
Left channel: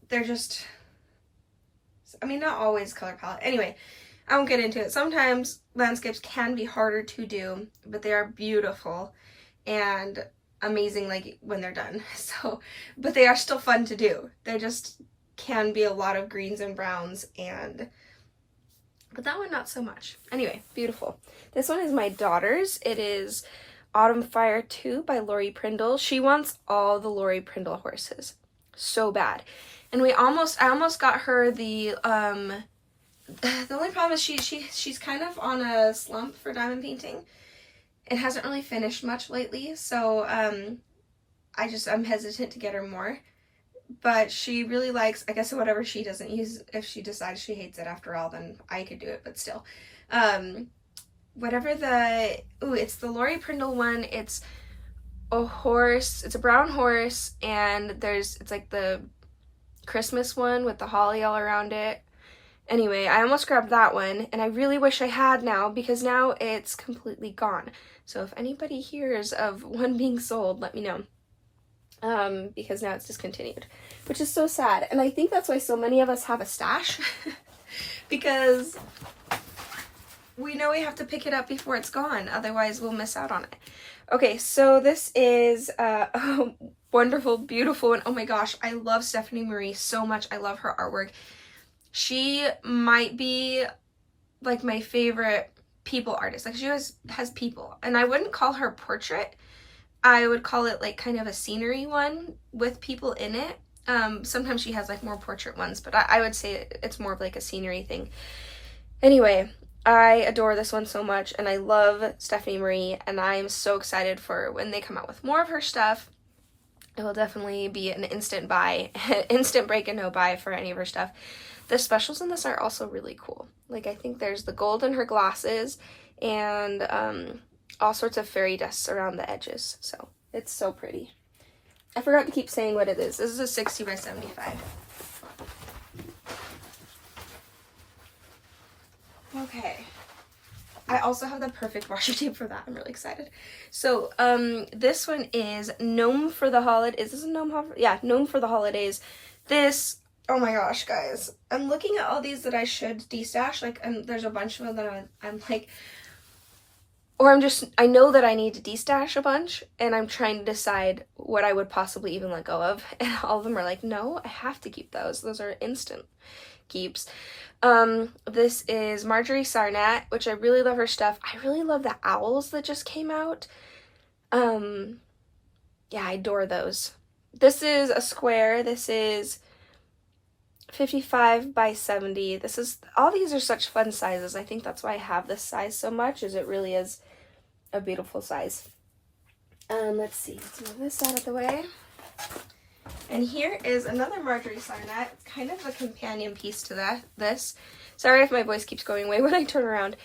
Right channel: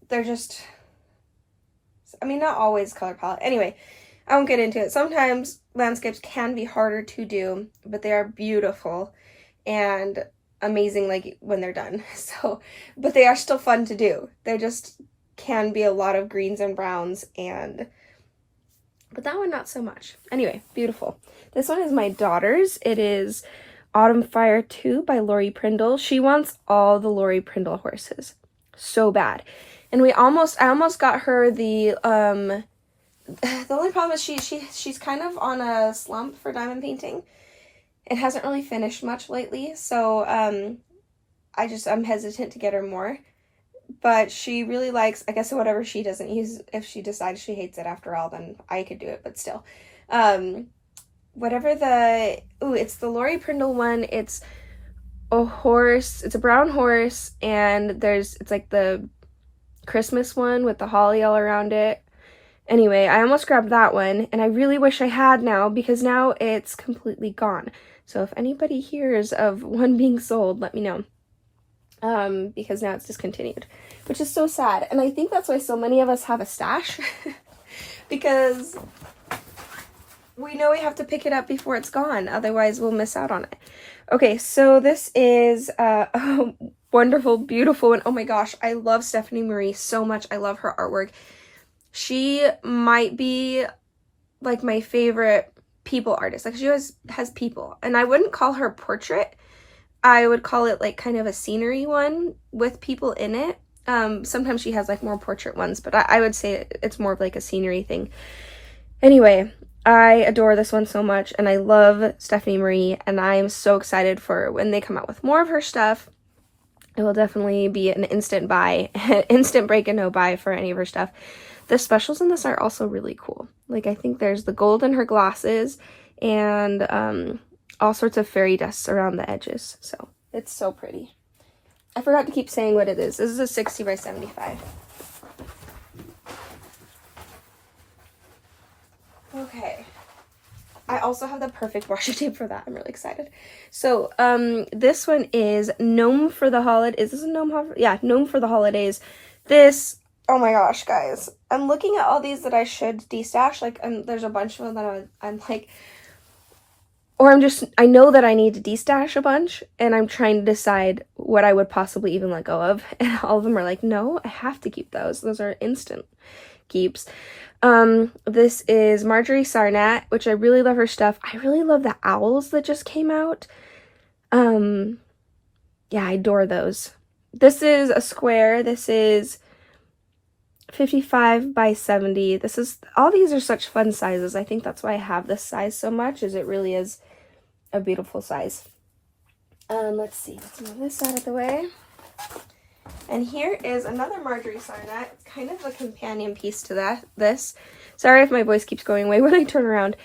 I mean, not always color palette. Anyway, I won't get into it. Sometimes landscapes can be harder to do, but they are beautiful and amazing, like, when they're done. So, but they are still fun to do. They just can be a lot of greens and browns, but that one not so much. Anyway, beautiful. This one is my daughter's. It is Autumn Fire 2 by Lori Prindle. She wants all the Lori Prindle horses so bad, and I almost got her the only problem is she's kind of on a slump for diamond painting and hasn't really finished much lately, so I'm hesitant to get her more, but she really likes, I guess, whatever she doesn't use. If she decides she hates it after all, then I could do it, but still, whatever it's the Lori Prindle one. It's a horse, it's a brown horse, and it's like the Christmas one with the holly all around it. Anyway, I almost grabbed that one, and I really wish I had now, because now it's completely gone. So if anybody hears of one being sold, let me know. Because now it's discontinued, which is so sad. And I think that's why so many of us have a stash, because we know we have to pick it up before it's gone, otherwise we'll miss out on it. Okay, so this is a wonderful, beautiful, and oh my gosh, I love Stephanie Marie so much. I love her artwork. She might be like my favorite people artist. Like, she has people, and I wouldn't call her portrait. I would call it like kind of a scenery one with people in it. Sometimes she has like more portrait ones, but I would say it's more of like a scenery thing. Anyway, I adore this one so much, and I love Stephanie Marie, and I'm so excited for when they come out with more of her stuff. It will definitely be an instant buy, instant break and no buy for any of her stuff. The specials in this are also really cool. Like, I think there's the gold in her glasses and all sorts of fairy dust around the edges. So it's so pretty. I forgot to keep saying what it is. This is a 60 by 75. Okay. I also have the perfect washi tape for that. I'm really excited. So, this one is Gnome for the Holidays. Is this a Gnome? Yeah, Gnome for the Holidays. This, oh my gosh, guys. I'm looking at all these that I should destash. Like, and there's a bunch of them that I'm like, or I know that I need to destash a bunch, and I'm trying to decide what I would possibly even let go of. And all of them are like, no, I have to keep those. Those are instant keeps. This is Marjorie Sarnat, which I really love her stuff. I really love the owls that just came out. Yeah, I adore those. This is a square. This is 55 by 70. All these are such fun sizes. I think that's why I have this size so much, is it really is a beautiful size. Let's see. Let's move this out of the way. And here is another Marjorie Sarnat. It's kind of a companion piece to this. Sorry if my voice keeps going away when I turn around.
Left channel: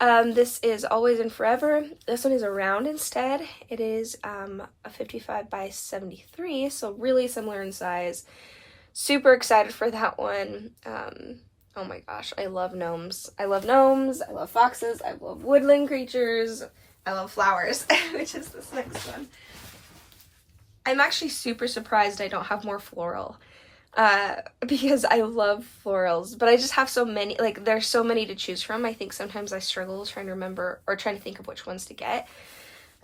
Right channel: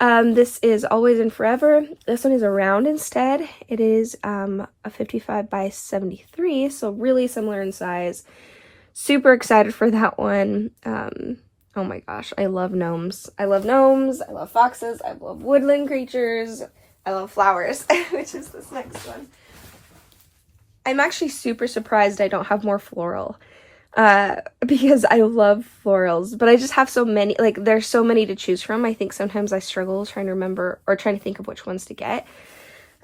This is Always and Forever. This one is a round instead. It is a 55 by 73, so really similar in size. Super excited for that one. Oh my gosh, I love gnomes. I love gnomes, I love foxes, I love woodland creatures, I love flowers, which is this next one. I'm actually super surprised I don't have more floral, because I love florals, but I just have so many, like, there's so many to choose from. I think sometimes I struggle trying to remember, or trying to think of which ones to get.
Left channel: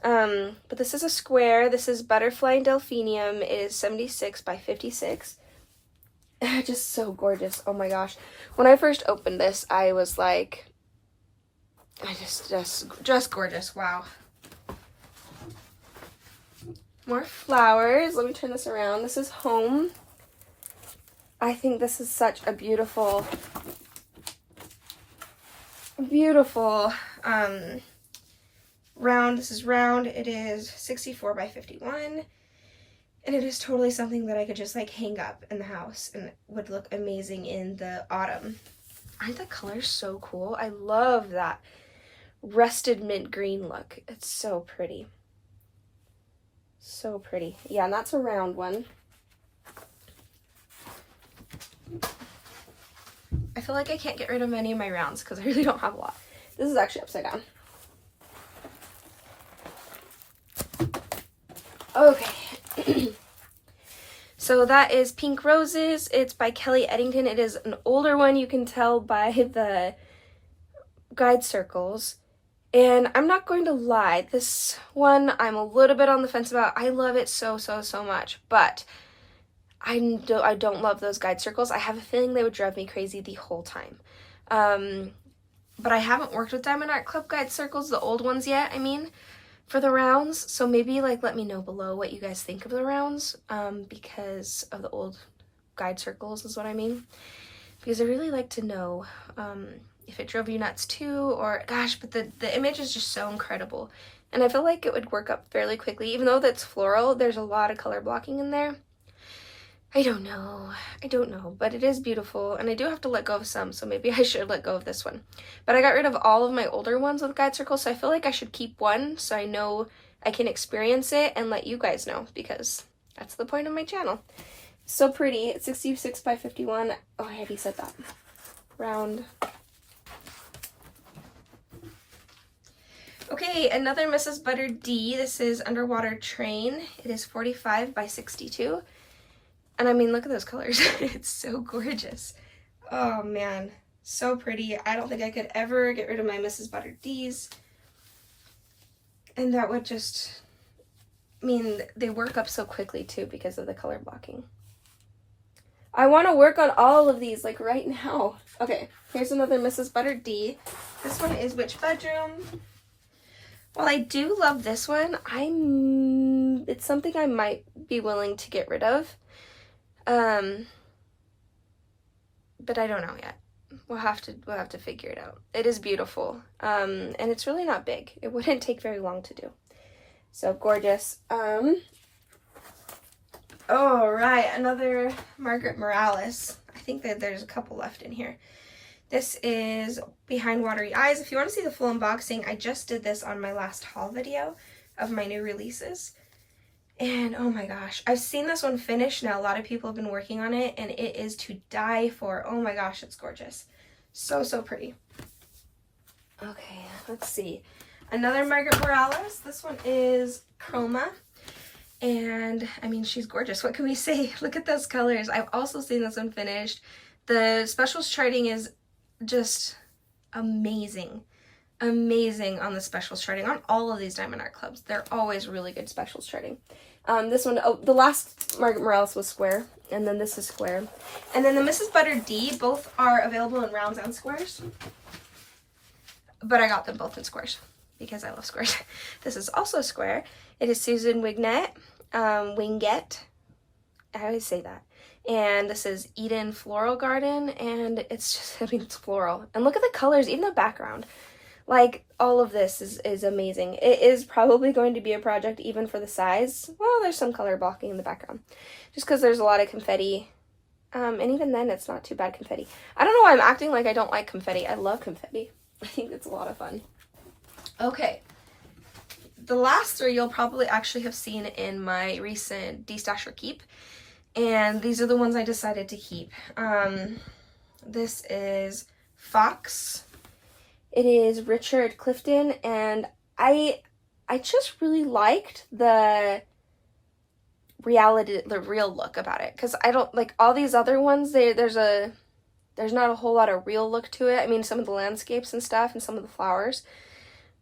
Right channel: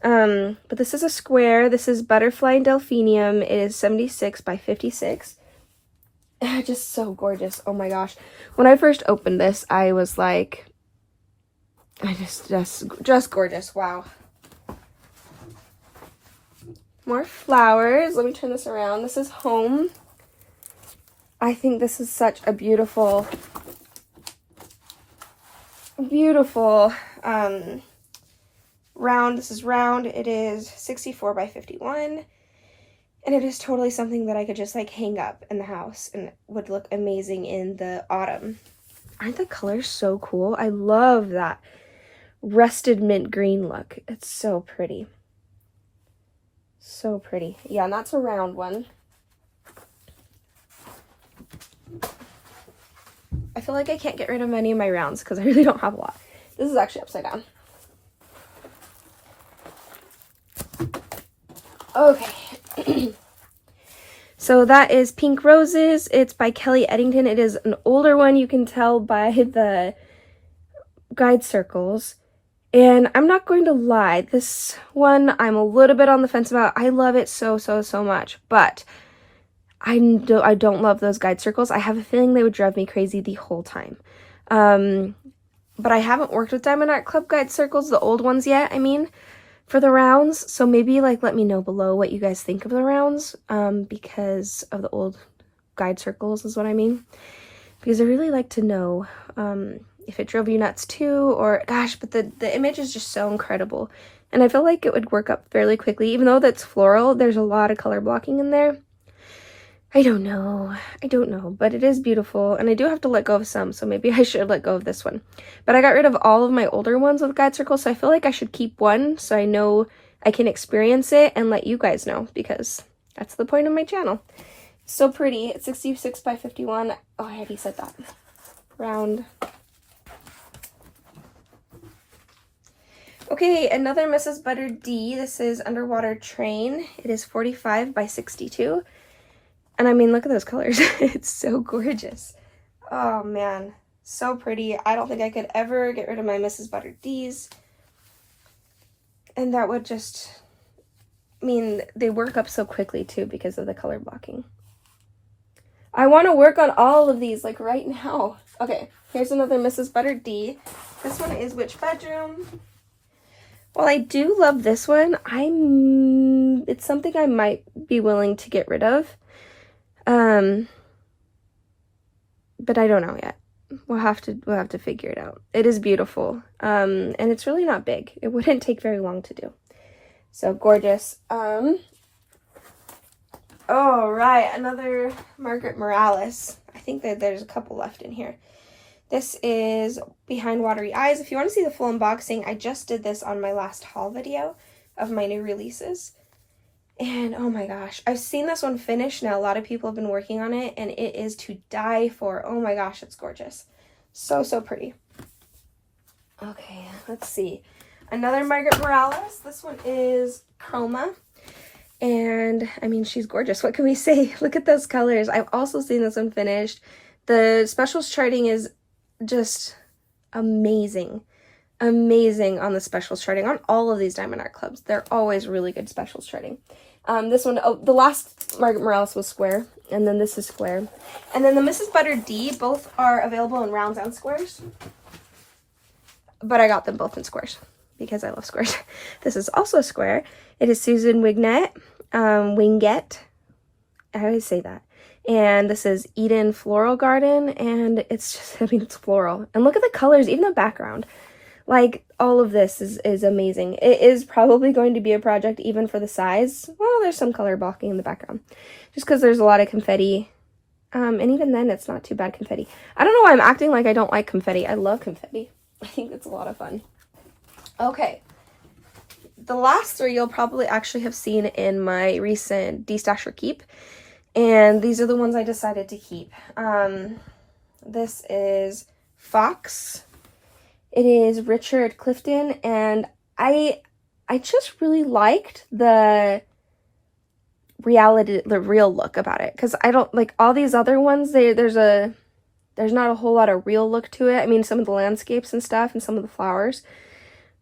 But this is a square. This is Butterfly and Delphinium. It is 76 by 56. Just so gorgeous. Oh my gosh. When I first opened this, I was like, just gorgeous. Wow. More flowers. Let me turn this around. This is Home. I think this is such a beautiful round. This is round. It is 64 by 51. And it is totally something that I could just like hang up in the house and would look amazing in the autumn. Aren't the colors so cool? I love that rusted mint green look. It's so pretty. So pretty. Yeah, and that's a round one. I feel like I can't get rid of many of my rounds because I really don't have a lot. This is actually upside down. Okay. So that is Pink Roses. It's by Kelly Eddington. It is an older one. You can tell by the guide circles. And I'm not going to lie, this one I'm a little bit on the fence about. I love it so much, but I don't love those guide circles. I have a feeling they would drive me crazy the whole time. But I haven't worked with Diamond Art Club guide circles, the old ones yet, I mean, for the rounds. So maybe like let me know below what you guys think of the rounds, because of the old guide circles is what I mean. Because I really like to know if it drove you nuts too, or gosh, but the image is just so incredible. And I feel like it would work up fairly quickly. Even though that's floral, there's a lot of color blocking in there. I don't know, but it is beautiful, and I do have to let go of some, so maybe I should let go of this one. But I got rid of all of my older ones with guide circles, so I feel like I should keep one so I know I can experience it and let you guys know, because that's the point of my channel. So pretty. It's 66 by 51. Oh, I already said that. Round. Okay, another Mrs. Butter D. This is Underwater Train. It is 45 by 62. And I mean, look at those colors. It's so gorgeous. Oh man, so pretty. I don't think I could ever get rid of my Mrs. Butter D's. And that would just, I mean, they work up so quickly too because of the color blocking. I want to work on all of these like right now. Okay, here's another Mrs. Butter D. This one is Which Bedroom? While I do love this one, it's something I might be willing to get rid of. But I don't know yet. we'll have to figure it out. It is beautiful. And it's really not big. It wouldn't take very long to do. So gorgeous. All right, another Margaret Morales. I think that there's a couple left in here. This is Behind Watery Eyes. If you want to see the full unboxing, I just did this on my last haul video of my new releases. And oh my gosh, I've seen this one finished now. A lot of people have been working on it, and it is to die for. Oh my gosh, it's gorgeous. So, so pretty. Okay, let's see. Another Margaret Morales. This one is Chroma. And I mean, she's gorgeous. What can we say? Look at those colors. I've also seen this one finished. The specials charting is just amazing. Amazing on the specials charting. On all of these Diamond Art Clubs, they're always really good specials charting. This one, oh, the last Margaret Morales was square, and then this is square. And then the Mrs. Butter D, both are available in rounds and squares. But I got them both in squares because I love squares. This is also a square. It is Susan Wingett. I always say that. And this is Eden Floral Garden, and it's just, I mean, it's floral. And look at the colors, even the background. Like, all of this is amazing. It is probably going to be a project even for the size. Well, there's some color blocking in the background. Just because there's a lot of confetti. And even then, it's not too bad confetti. I don't know why I'm acting like I don't like confetti. I love confetti. I think it's a lot of fun. Okay. The last three you'll probably actually have seen in my recent Destash or Keep. And these are the ones I decided to keep. This is Fox. It is Richard Clifton, and I just really liked the real look about it, because I don't like all these other ones. There's not a whole lot of real look to it. I mean, some of the landscapes and stuff, and some of the flowers.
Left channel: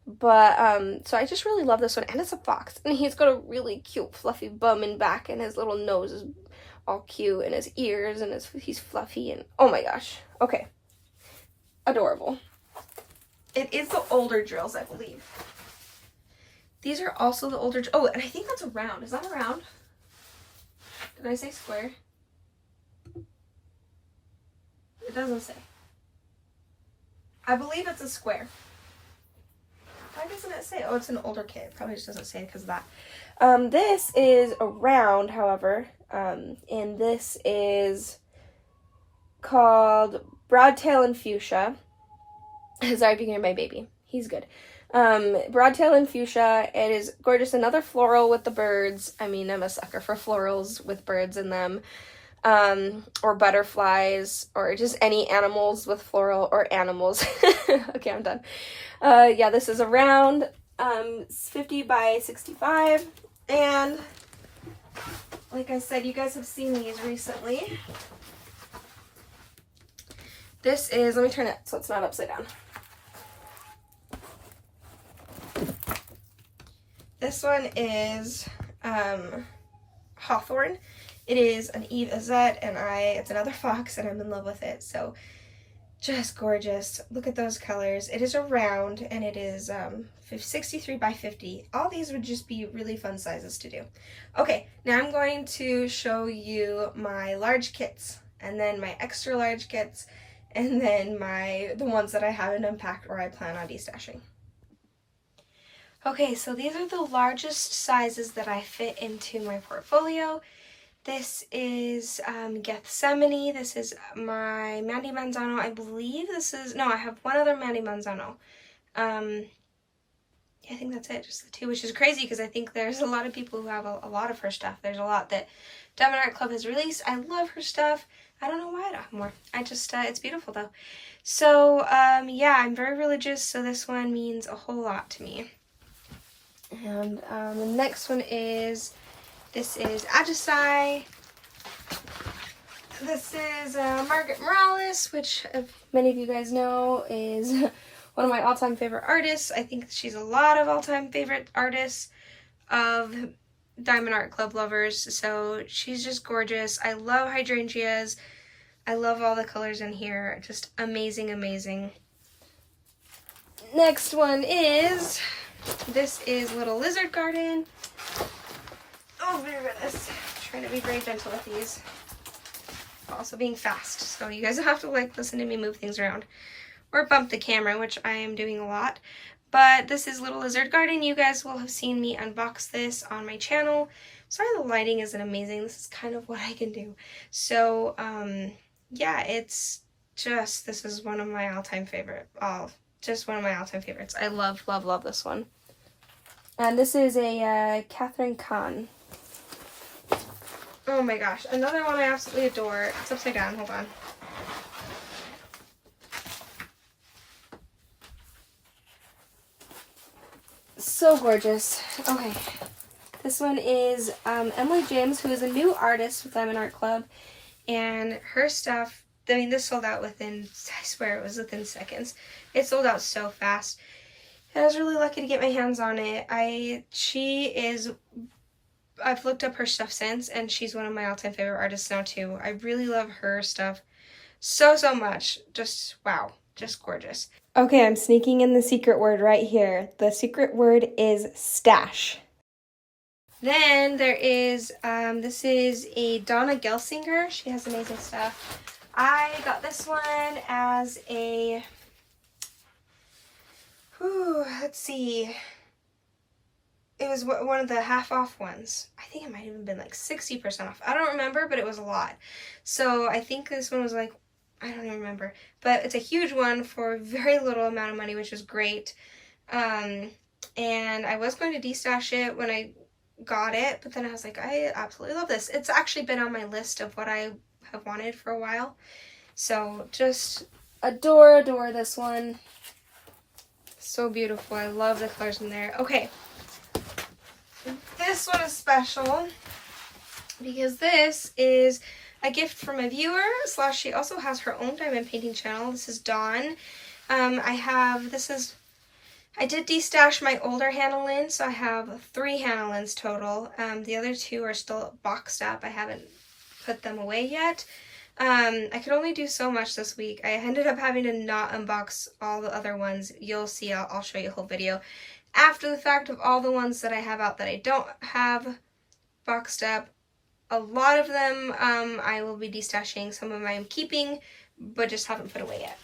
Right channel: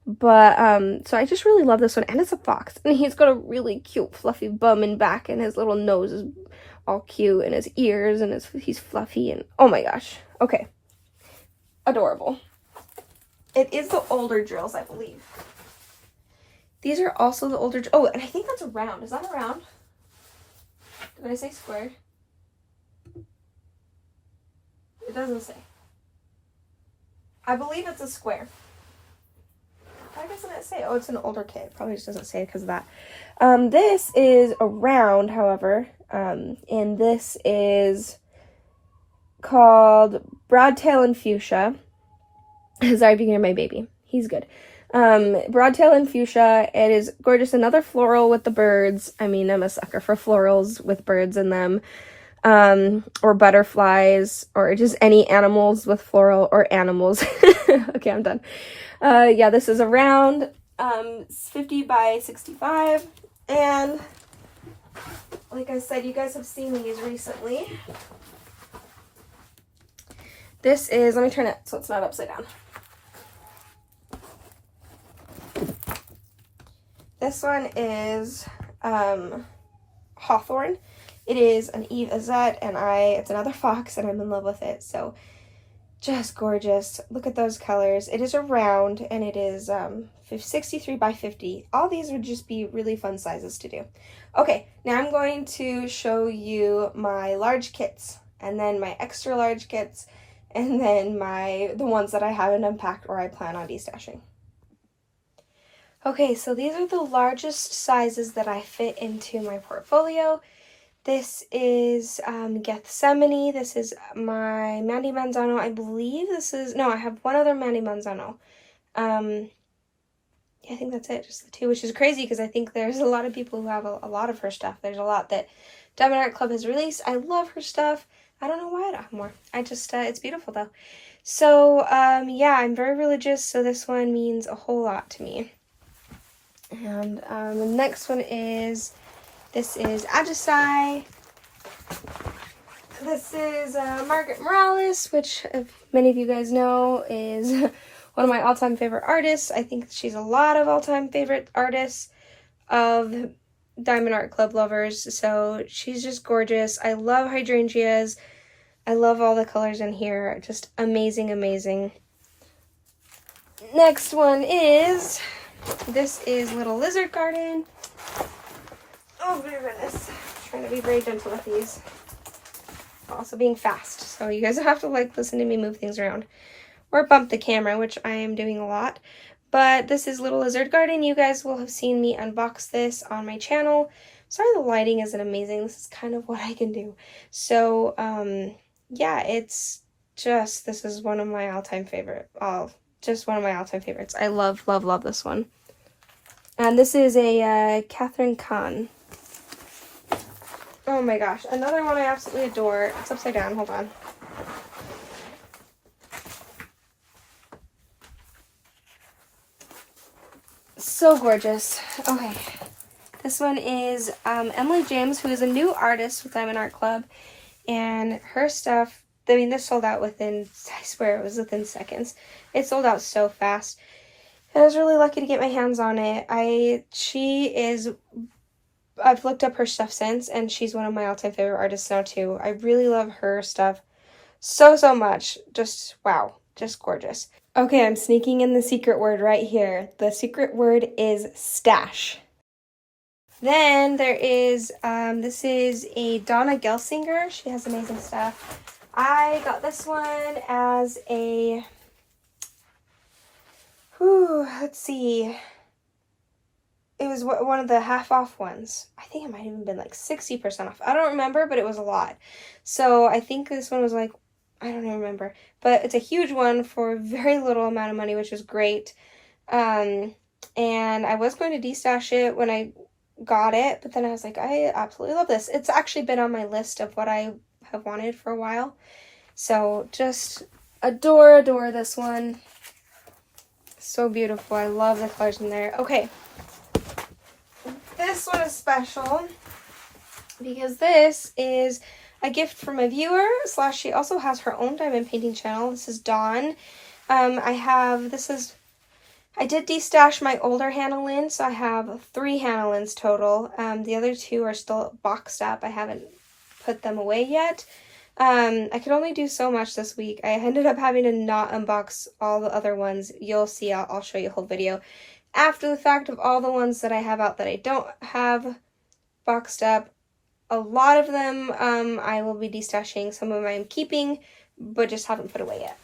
But, so I just really love this one, and it's a fox, and he's got a really cute fluffy bum and back, and his little nose is all cute, and his ears, and he's fluffy, and oh my gosh. Okay. Adorable. It is the older drills, I believe. These are also the older, oh, and I think that's a round. Is that a round? Did I say square? It doesn't say. I believe it's a square. Why doesn't it say? Oh, it's an older kit. It probably just doesn't say it because of that. This is a round, however, and this is called Broadtail and Fuchsia. Sorry if you can hear my baby. He's good. Broadtail and Fuchsia. It is gorgeous. Another floral with the birds. I mean, I'm a sucker for florals with birds in them. Or butterflies, or just any animals with floral, or animals. Okay, I'm done. Yeah, this is a round, 50 by 65, and like I said, you guys have seen these recently. This is, let me turn it so it's not upside down. This one is Hawthorne. It is an Eve Azette, and it's another fox, and I'm in love with it. So just gorgeous. Look at those colors. It is a round, and it is 63 by 50. All these would just be really fun sizes to do. Okay, now I'm going to show you my large kits, and then my extra large kits, and then the ones that I haven't unpacked or I plan on destashing. Okay, so these are the largest sizes that I fit into my portfolio. This is Gethsemane. This is my Mandy Manzano. I believe this is, no, I have one other Mandy Manzano. I think that's it, just the two, which is crazy because I think there's a lot of people who have a lot of her stuff. There's a lot that Diamond Art Club has released. I love her stuff. I don't know why I don't have more. I just, it's beautiful though. So, yeah, I'm very religious, so this one means a whole lot to me. And the next one is, this is Agisai. This is Margaret Morales, which many of you guys know is one of my all-time favorite artists. I think she's a lot of all-time favorite artists of Diamond Art Club lovers. So she's just gorgeous. I love hydrangeas. I love all the colors in here. Just amazing, amazing. Next one is, this is Little Lizard Garden. Oh, dear goodness. I'm trying to be very gentle with these. Also being fast, so you guys don't have to like listen to me move things around or bump the camera, which I am doing a lot. But this is Little Lizard Garden. You guys will have seen me unbox this on my channel. Sorry the lighting isn't amazing. This is kind of what I can do. So yeah, it's just, this is one of my all-time favorite. Just one of my all-time favorites. I love, love, love this one. And this is a Catherine Kahn. Oh my gosh, another one I absolutely adore. It's upside down, hold on. So gorgeous. Okay, this one is Emily James, who is a new artist with Diamond Art Club, and her stuff, I mean, this sold out within, I swear it was within seconds. It sold out so fast. I was really lucky to get my hands on it. I've looked up her stuff since, and she's one of my all-time favorite artists now too. I really love her stuff so, so much. Just, wow, just gorgeous. Okay, I'm sneaking in the secret word right here. The secret word is stash. Then there is, this is a Donna Gelsinger. She has amazing stuff. I got this one as a, let's see. It was one of the half-off ones. I think it might have even been like 60% off. I don't remember, but it was a lot. So I think this one was like, I don't even remember. But it's a huge one for very little amount of money, which is great. And I was going to destash it when I got it, but then I was like, I absolutely love this. It's actually been on my list of what I have wanted for a while. So just adore this one. So beautiful. I love the colors in there. Okay. This one is special because this is a gift from a viewer / she also has her own diamond painting channel. This is Dawn. I did destash my older Handmade, so I have 3 Handmades total. The other 2 are still boxed up. I haven't put them away yet. I could only do so much this week. I ended up having to not unbox all the other ones. You'll see, I'll show you a whole video after the fact of all the ones that I have out that I don't have boxed up. A lot of them I will be destashing. Some of them I'm keeping, but just haven't put away yet.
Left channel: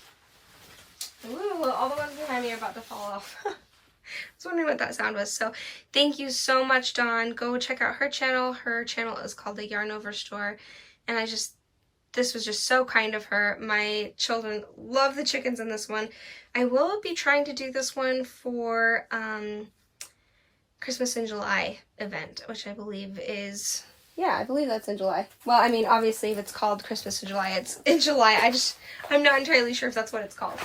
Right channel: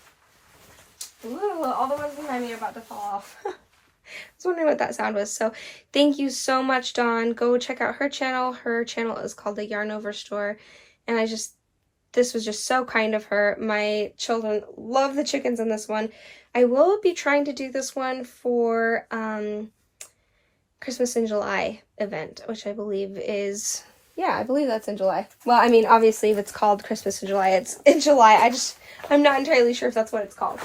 Ooh, all the ones behind me are about to fall off. I was wondering what that sound was. So thank you so much, Dawn. Go check out her channel. Her channel is called The Yarn Over Store. And this was just so kind of her. My children love the chickens in this one. I will be trying to do this one for Christmas in July event, which I believe is, yeah, I believe that's in July. Well, I mean, obviously if it's called Christmas in July, it's in July. I'm not entirely sure if that's what it's called.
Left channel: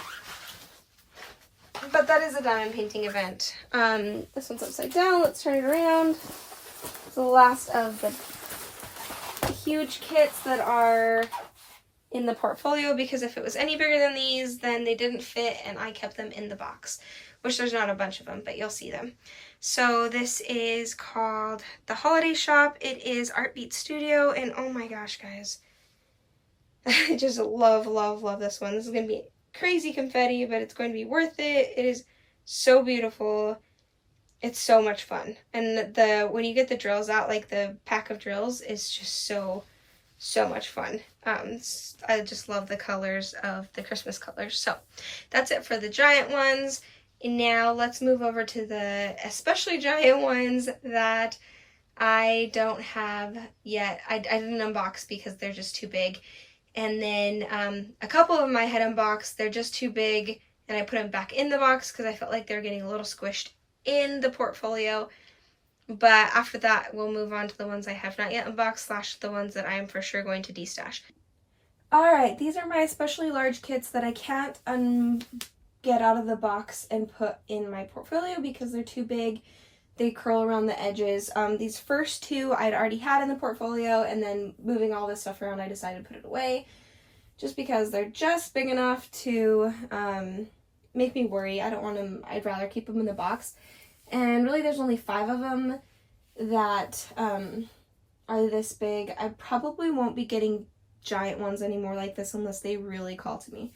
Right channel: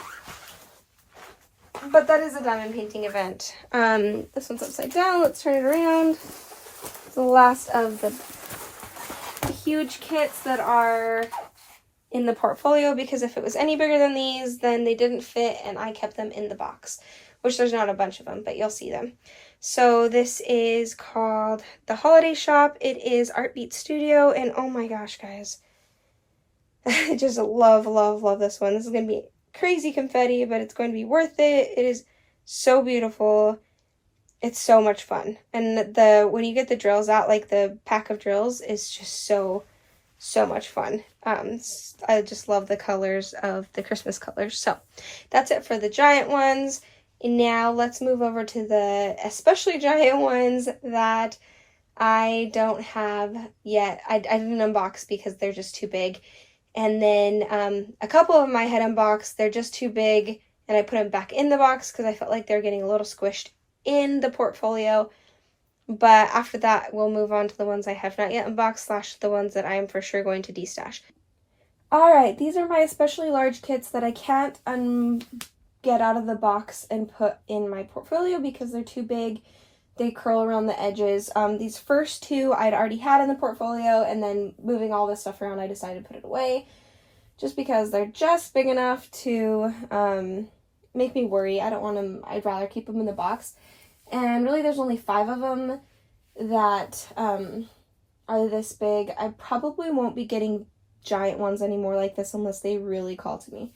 But that is a diamond painting event. This one's upside down. Let's turn it around. It's the last of the huge kits that are in the portfolio, because if it was any bigger than these, then they didn't fit and I kept them in the box, which there's not a bunch of them, but you'll see them. So this is called The Holiday Shop. It is Art Beat Studio, and oh my gosh, guys. I just love, love, love this one. This is going to be crazy confetti, but it's going to be worth it. It is so beautiful. It's so much fun. And when you get the drills out, like the pack of drills, is just so much fun. I just love the colors of the Christmas colors. So that's it for the giant ones. And now let's move over to the especially giant ones that I don't have yet. I didn't unbox because they're just too big. And then a couple of them I had unboxed, they're just too big, and I put them back in the box because I felt like they're getting a little squished in the portfolio. But after that, we'll move on to the ones I have not yet unboxed / the ones that I am for sure going to destash. Alright, these are my especially large kits that I can't get out of the box and put in my portfolio because they're too big. They curl around the edges. These first 2 I'd already had in the portfolio, and then moving all this stuff around, I decided to put it away just because they're just big enough to make me worry. I don't want them, I'd rather keep them in the box. And really there's only 5 of them that are this big. I probably won't be getting giant ones anymore like this unless they really call to me.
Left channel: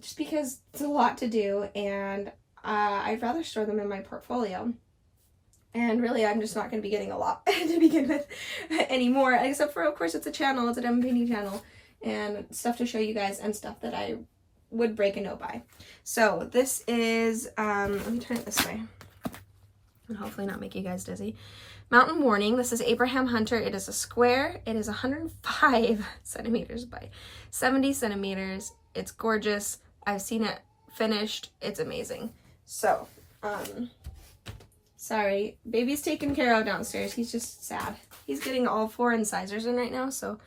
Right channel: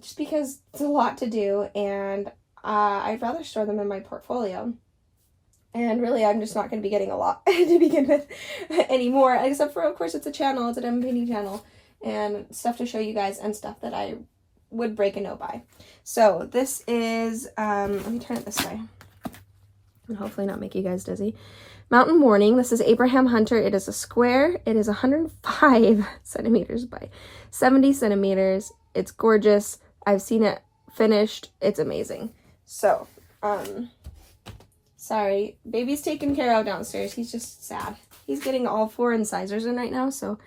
Just because it's a lot to do, and I'd rather store them in my portfolio. And really, I'm just not going to be getting a lot to begin with anymore, except for, of course, it's a channel. It's a diamond painting channel, and stuff to show you guys and stuff that I would break a no by. So this is, let me turn it this way and hopefully not make you guys dizzy. Mountain Morning. This is Abraham Hunter. It is a square. It is 105 centimeters by 70 centimeters. It's gorgeous. I've seen it finished. It's amazing. So, sorry, baby's taken care of downstairs. He's just sad. He's getting all 4 incisors in right now, so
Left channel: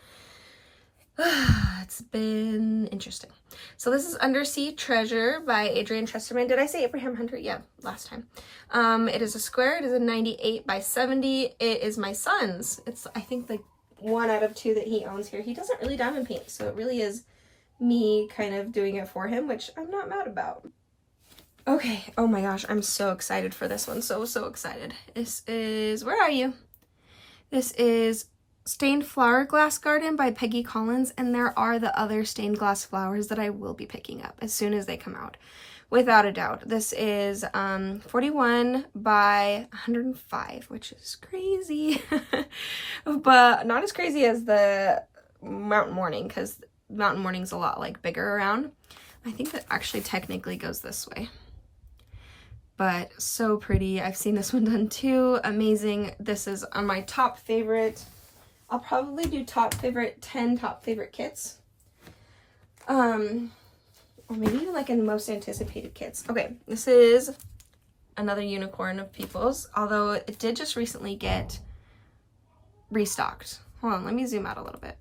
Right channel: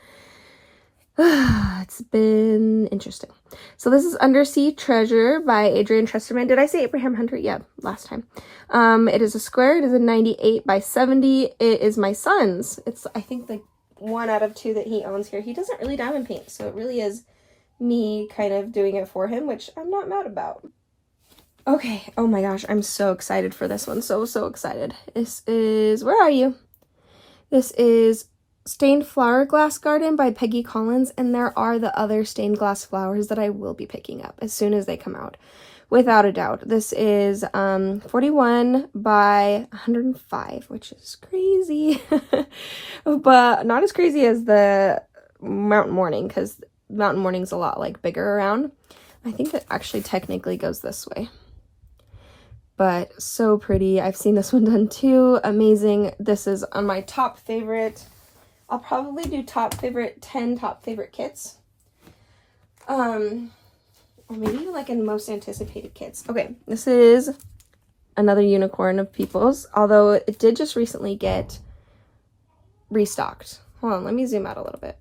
it's been interesting. So this is Undersea Treasure by Adrian Tresterman. Did I say Abraham Hunter? Yeah, last time. It is a square. It is a 98 by 70. It is my son's. It's, I think, like 1 out of 2 that he owns here. He doesn't really diamond paint, so it really is me kind of doing it for him, which I'm not mad about. Okay, oh my gosh, I'm so excited for this one. So excited. This is, where are you? This is Stained Flower Glass Garden by Peggy Collins, and there are the other stained glass flowers that I will be picking up as soon as they come out, without a doubt. This is 41 by 105, which is crazy, but not as crazy as the Mountain Morning, because Mountain Morning's a lot like bigger around. I think it actually technically goes this way. But so pretty. I've seen this one done too. Amazing. This is on my top favorite. I'll probably do 10 top favorite kits. Or maybe even like in most anticipated kits. Okay, this is another unicorn of people's, although it did just recently get restocked. Hold on, let me zoom out a little bit.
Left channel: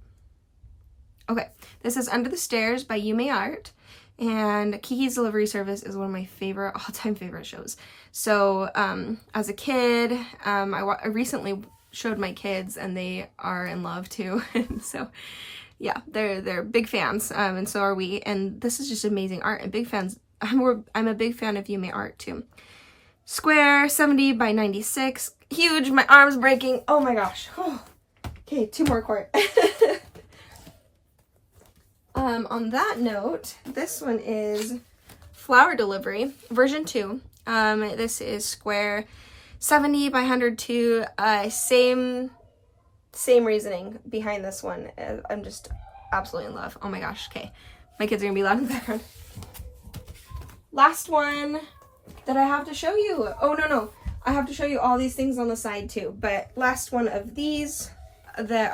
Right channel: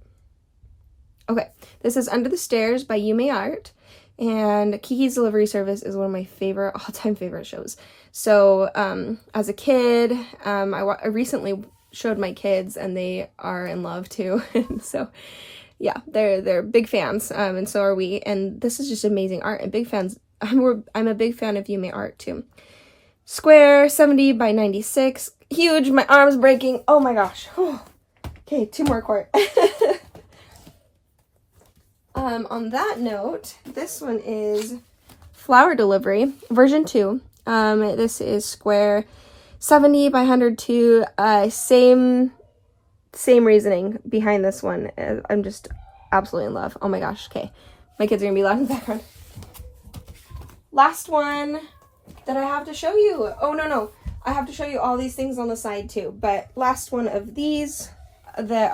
Okay, this is Under the Stairs by Yume Art. And Kiki's Delivery Service is one of my favorite, all-time favorite shows. So, as a kid, I recently showed my kids, and they are in love too. And so, yeah, they're big fans, and so are we. And this is just amazing art, and big fans. I'm a big fan of Yume Art too. Square, 70 by 96, huge. My arm's breaking. Oh my gosh. Okay, 2 more quart. On that note, this one is Flower Delivery, version 2. This is square, 70 by 102. Same reasoning behind this one. I'm just absolutely in love. Oh my gosh, okay. My kids are gonna be loud in the background. Last one that I have to show you. Oh, no. I have to show you all these things on the side too. But last one of these that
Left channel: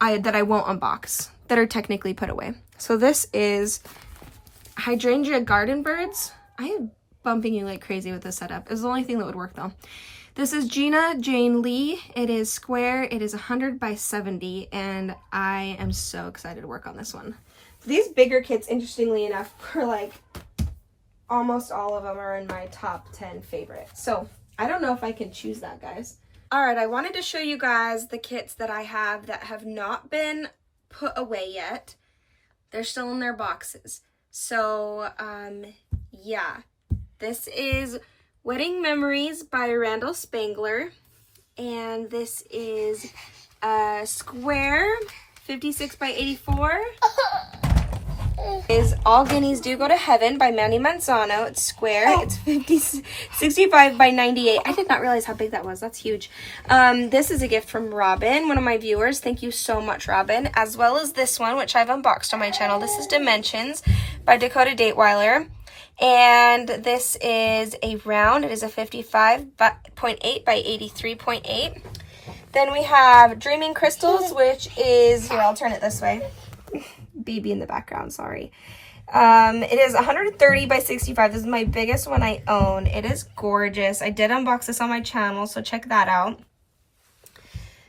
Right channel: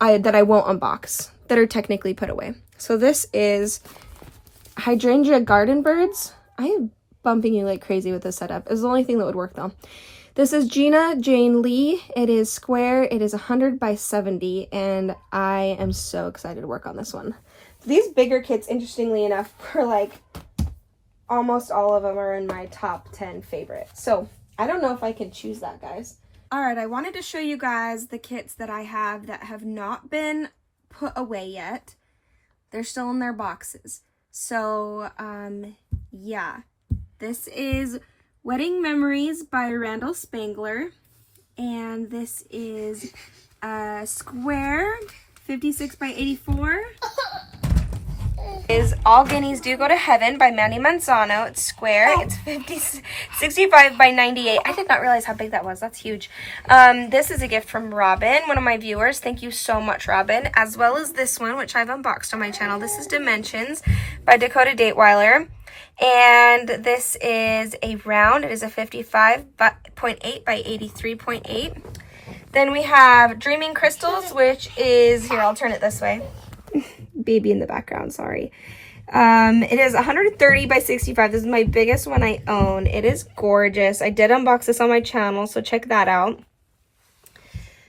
I won't unbox, that are technically put away. So this is Hydrangea Garden Birds. I am bumping you like crazy with this setup. It's the only thing that would work though. This is Gina Jane Lee. It is square. It is 100 by 70, and I am so excited to work on this one. These bigger kits, interestingly enough, are like almost all of them are in my top 10 favorite. So I don't know if I can choose that, guys. All right, I wanted to show you guys the kits that I have that have not been put away yet. They're still in their boxes. So, yeah. This is Wedding Memories by Randall Spangler. And this is a square, 56 by 84. Is All Guineas Do Go to Heaven by Mandy Manzano. It's square. It's 65 by 98. I did not realize how big that was. That's huge. This is a gift from Robin, one of my viewers. Thank you so much, Robin. As well as this one, which I've unboxed on my channel. This is Dimensions by Dakota Dateweiler. And this is a round. It is a 55.8 by 83.8. Then we have Dreaming Crystals, which is, here, I'll turn it this way. Baby in the background, sorry. It is 130 by 65. This is my biggest one I own. It is gorgeous. I did unbox this on my channel, so check that out.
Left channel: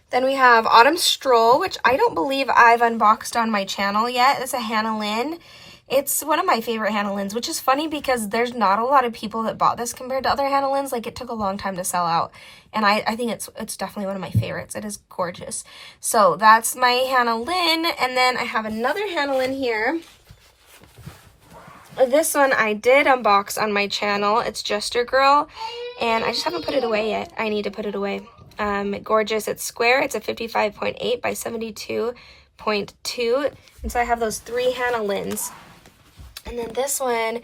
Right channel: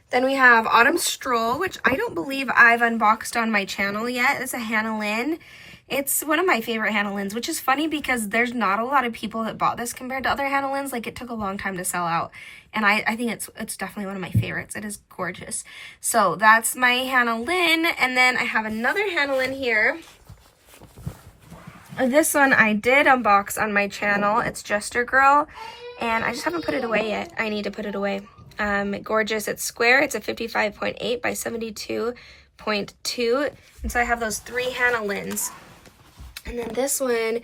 Then we have Autumn Stroll, which I don't believe I've unboxed on my channel yet. It's a Hannah Lynn. It's one of my favorite Hannah Lynns, which is funny because there's not a lot of people that bought this compared to other Hannah Lynns. Like, it took a long time to sell out. And I think it's definitely one of my favorites. It is gorgeous. So that's my Hannah Lynn. And then I have another Hannah Lynn here. This one I did unbox on my channel. It's Jester Girl. And I just haven't put it away yet. I need to put it away. Gorgeous. It's square. It's a 55.8 by 72.2. And so I have those 3 Hannah Lynns. And then this one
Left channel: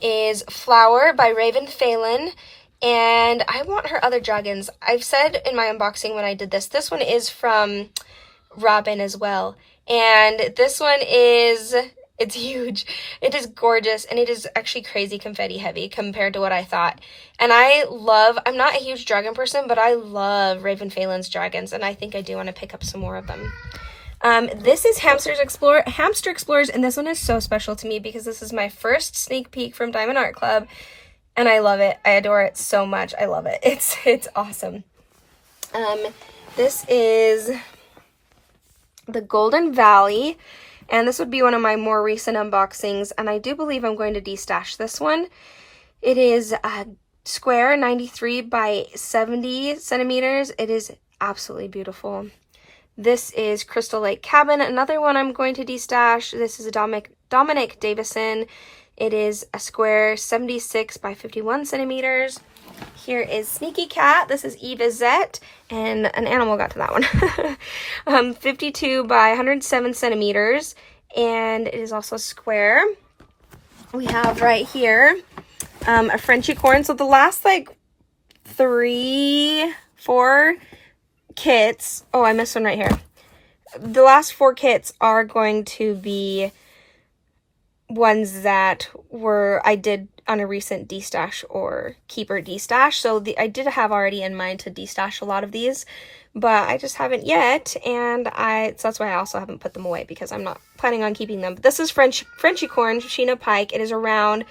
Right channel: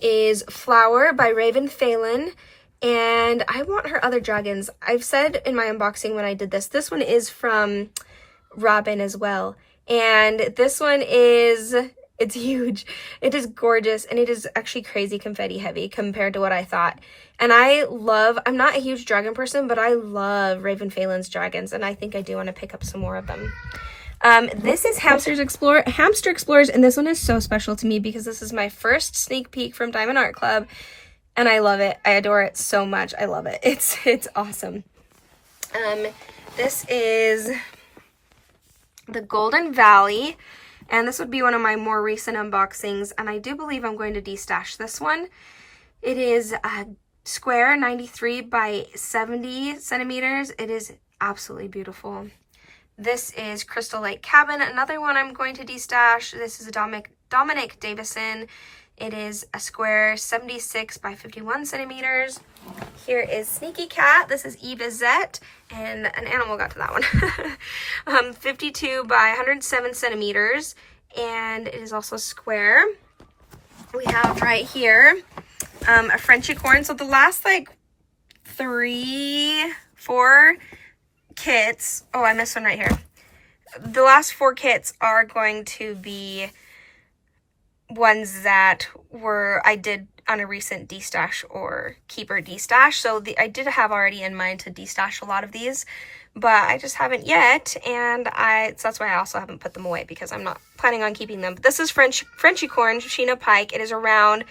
is Flower by Raven Phelan. And I want her other dragons. I've said in my unboxing when I did this one is from Robin as well. And this one is, it's huge. It is gorgeous, and it is actually crazy confetti heavy compared to what I thought. And I'm not a huge dragon person, but I love Raven Phelan's dragons, and I think I do want to pick up some more of them. This is Hamster Explorers, and this one is so special to me because this is my first sneak peek from Diamond Art Club, and I love it. I adore it so much. I love it. It's awesome. This is the Golden Valley, and this would be one of my more recent unboxings, and I do believe I'm going to destash this one. It is a square, 93 by 70 centimeters. It is absolutely beautiful. This is Crystal Lake Cabin, another one I'm going to destash. This is a Dominic Davison. It is a square, 76 by 51 centimeters. Here is Sneaky Cat. This is Eva Zett, and an animal got to that one. 52 by 107 centimeters, and it is also square. We have right here a Frenchie corn. So the last like 3, 4 kits, oh, I missed one right here. The last 4 kits are going to be ones that I did on a recent destash or keeper destash. So I did have already in mind to destash a lot of these, but I just haven't yet, and so that's why I also haven't put them away, because I'm not planning on keeping them. But this is Frenchie corn, Sheena Pike. It is around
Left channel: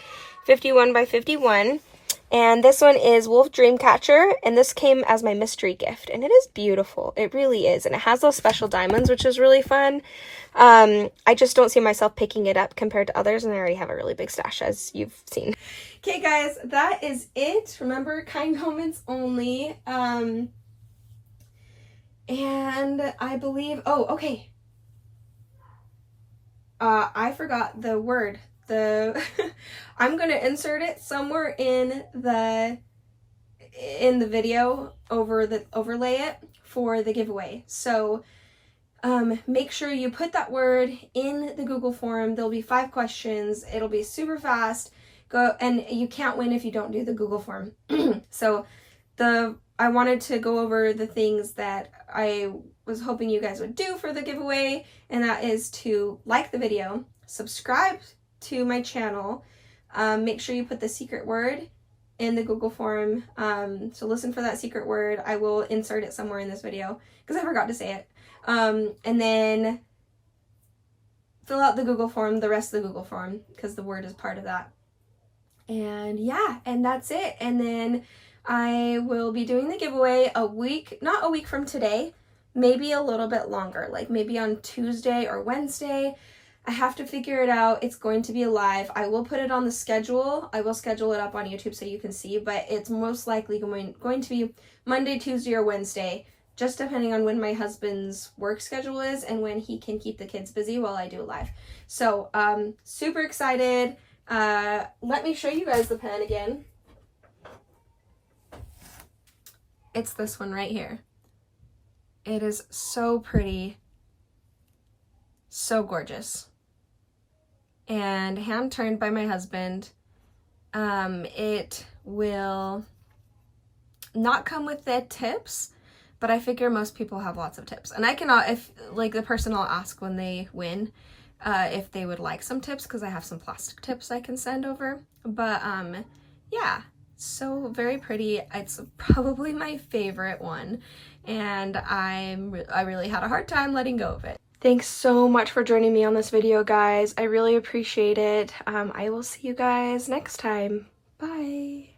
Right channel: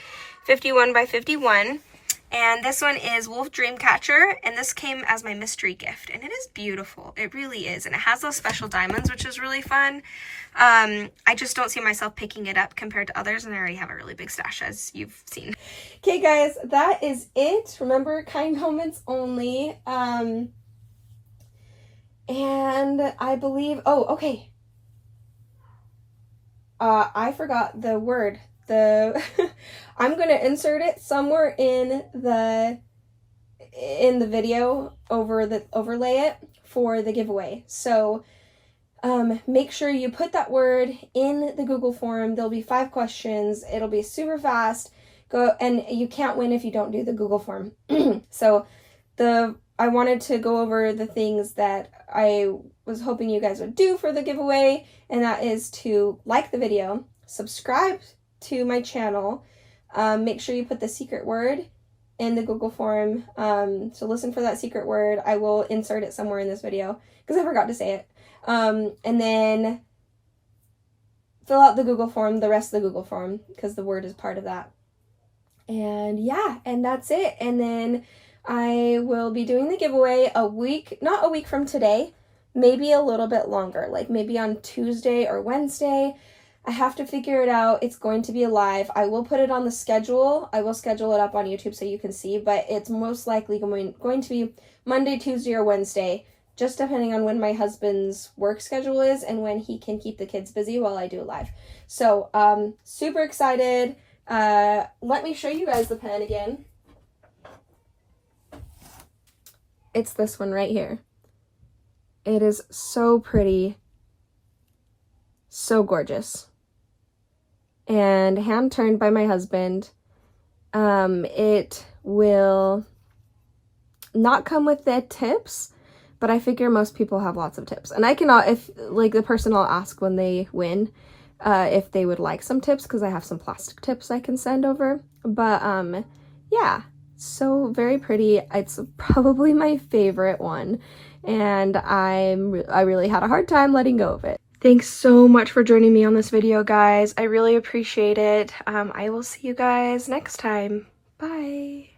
51 by 51. And this one is Wolf Dreamcatcher, and this came as my mystery gift, and it is beautiful. It really is, and it has those special diamonds, which is really fun. I just don't see myself picking it up compared to others, and I already have a really big stash, as you've seen. Okay, guys, that is it. Remember, kind comments only. And I believe, oh, okay. I forgot the word. I'm going to insert it somewhere in the video overlay it for the giveaway. So make sure you put that word in the Google form. There'll be 5 questions. It'll be super fast. And you can't win if you don't do the Google form. So I wanted to go over the things that I was hoping you guys would do for the giveaway, and that is to like the video, subscribe to my channel, make sure you put the secret word in the Google form, so listen for that secret word. I will insert it somewhere in this video because I forgot to say it, and then fill out the Google form, the rest of the Google form, because the word is part of that. And yeah, and that's it. And then I will be doing the giveaway not a week from today, maybe a little bit longer, like maybe on Tuesday or Wednesday. I have to figure it out. It's going to be live. I will put it on the schedule. I will schedule it up on YouTube so you can see, but it's most likely going to be Monday, Tuesday, or Wednesday, just depending on when my husband's work schedule is and when he can keep the kids busy while I do live. So, super excited. Let me show you guys the pen again. It's this one right here. It is so pretty, so gorgeous, and hand turned by my husband. It will not come with the tips, but I figure most people have lots of tips, and I cannot, if like the person I'll ask when they win, if they would like some tips, because I have some plastic tips I can send over. But yeah, so very pretty. It's probably my favorite one, and I really had a hard time letting go of it. Thanks so much for joining me on this video, guys. I really appreciate it. I will see you guys next time. Bye.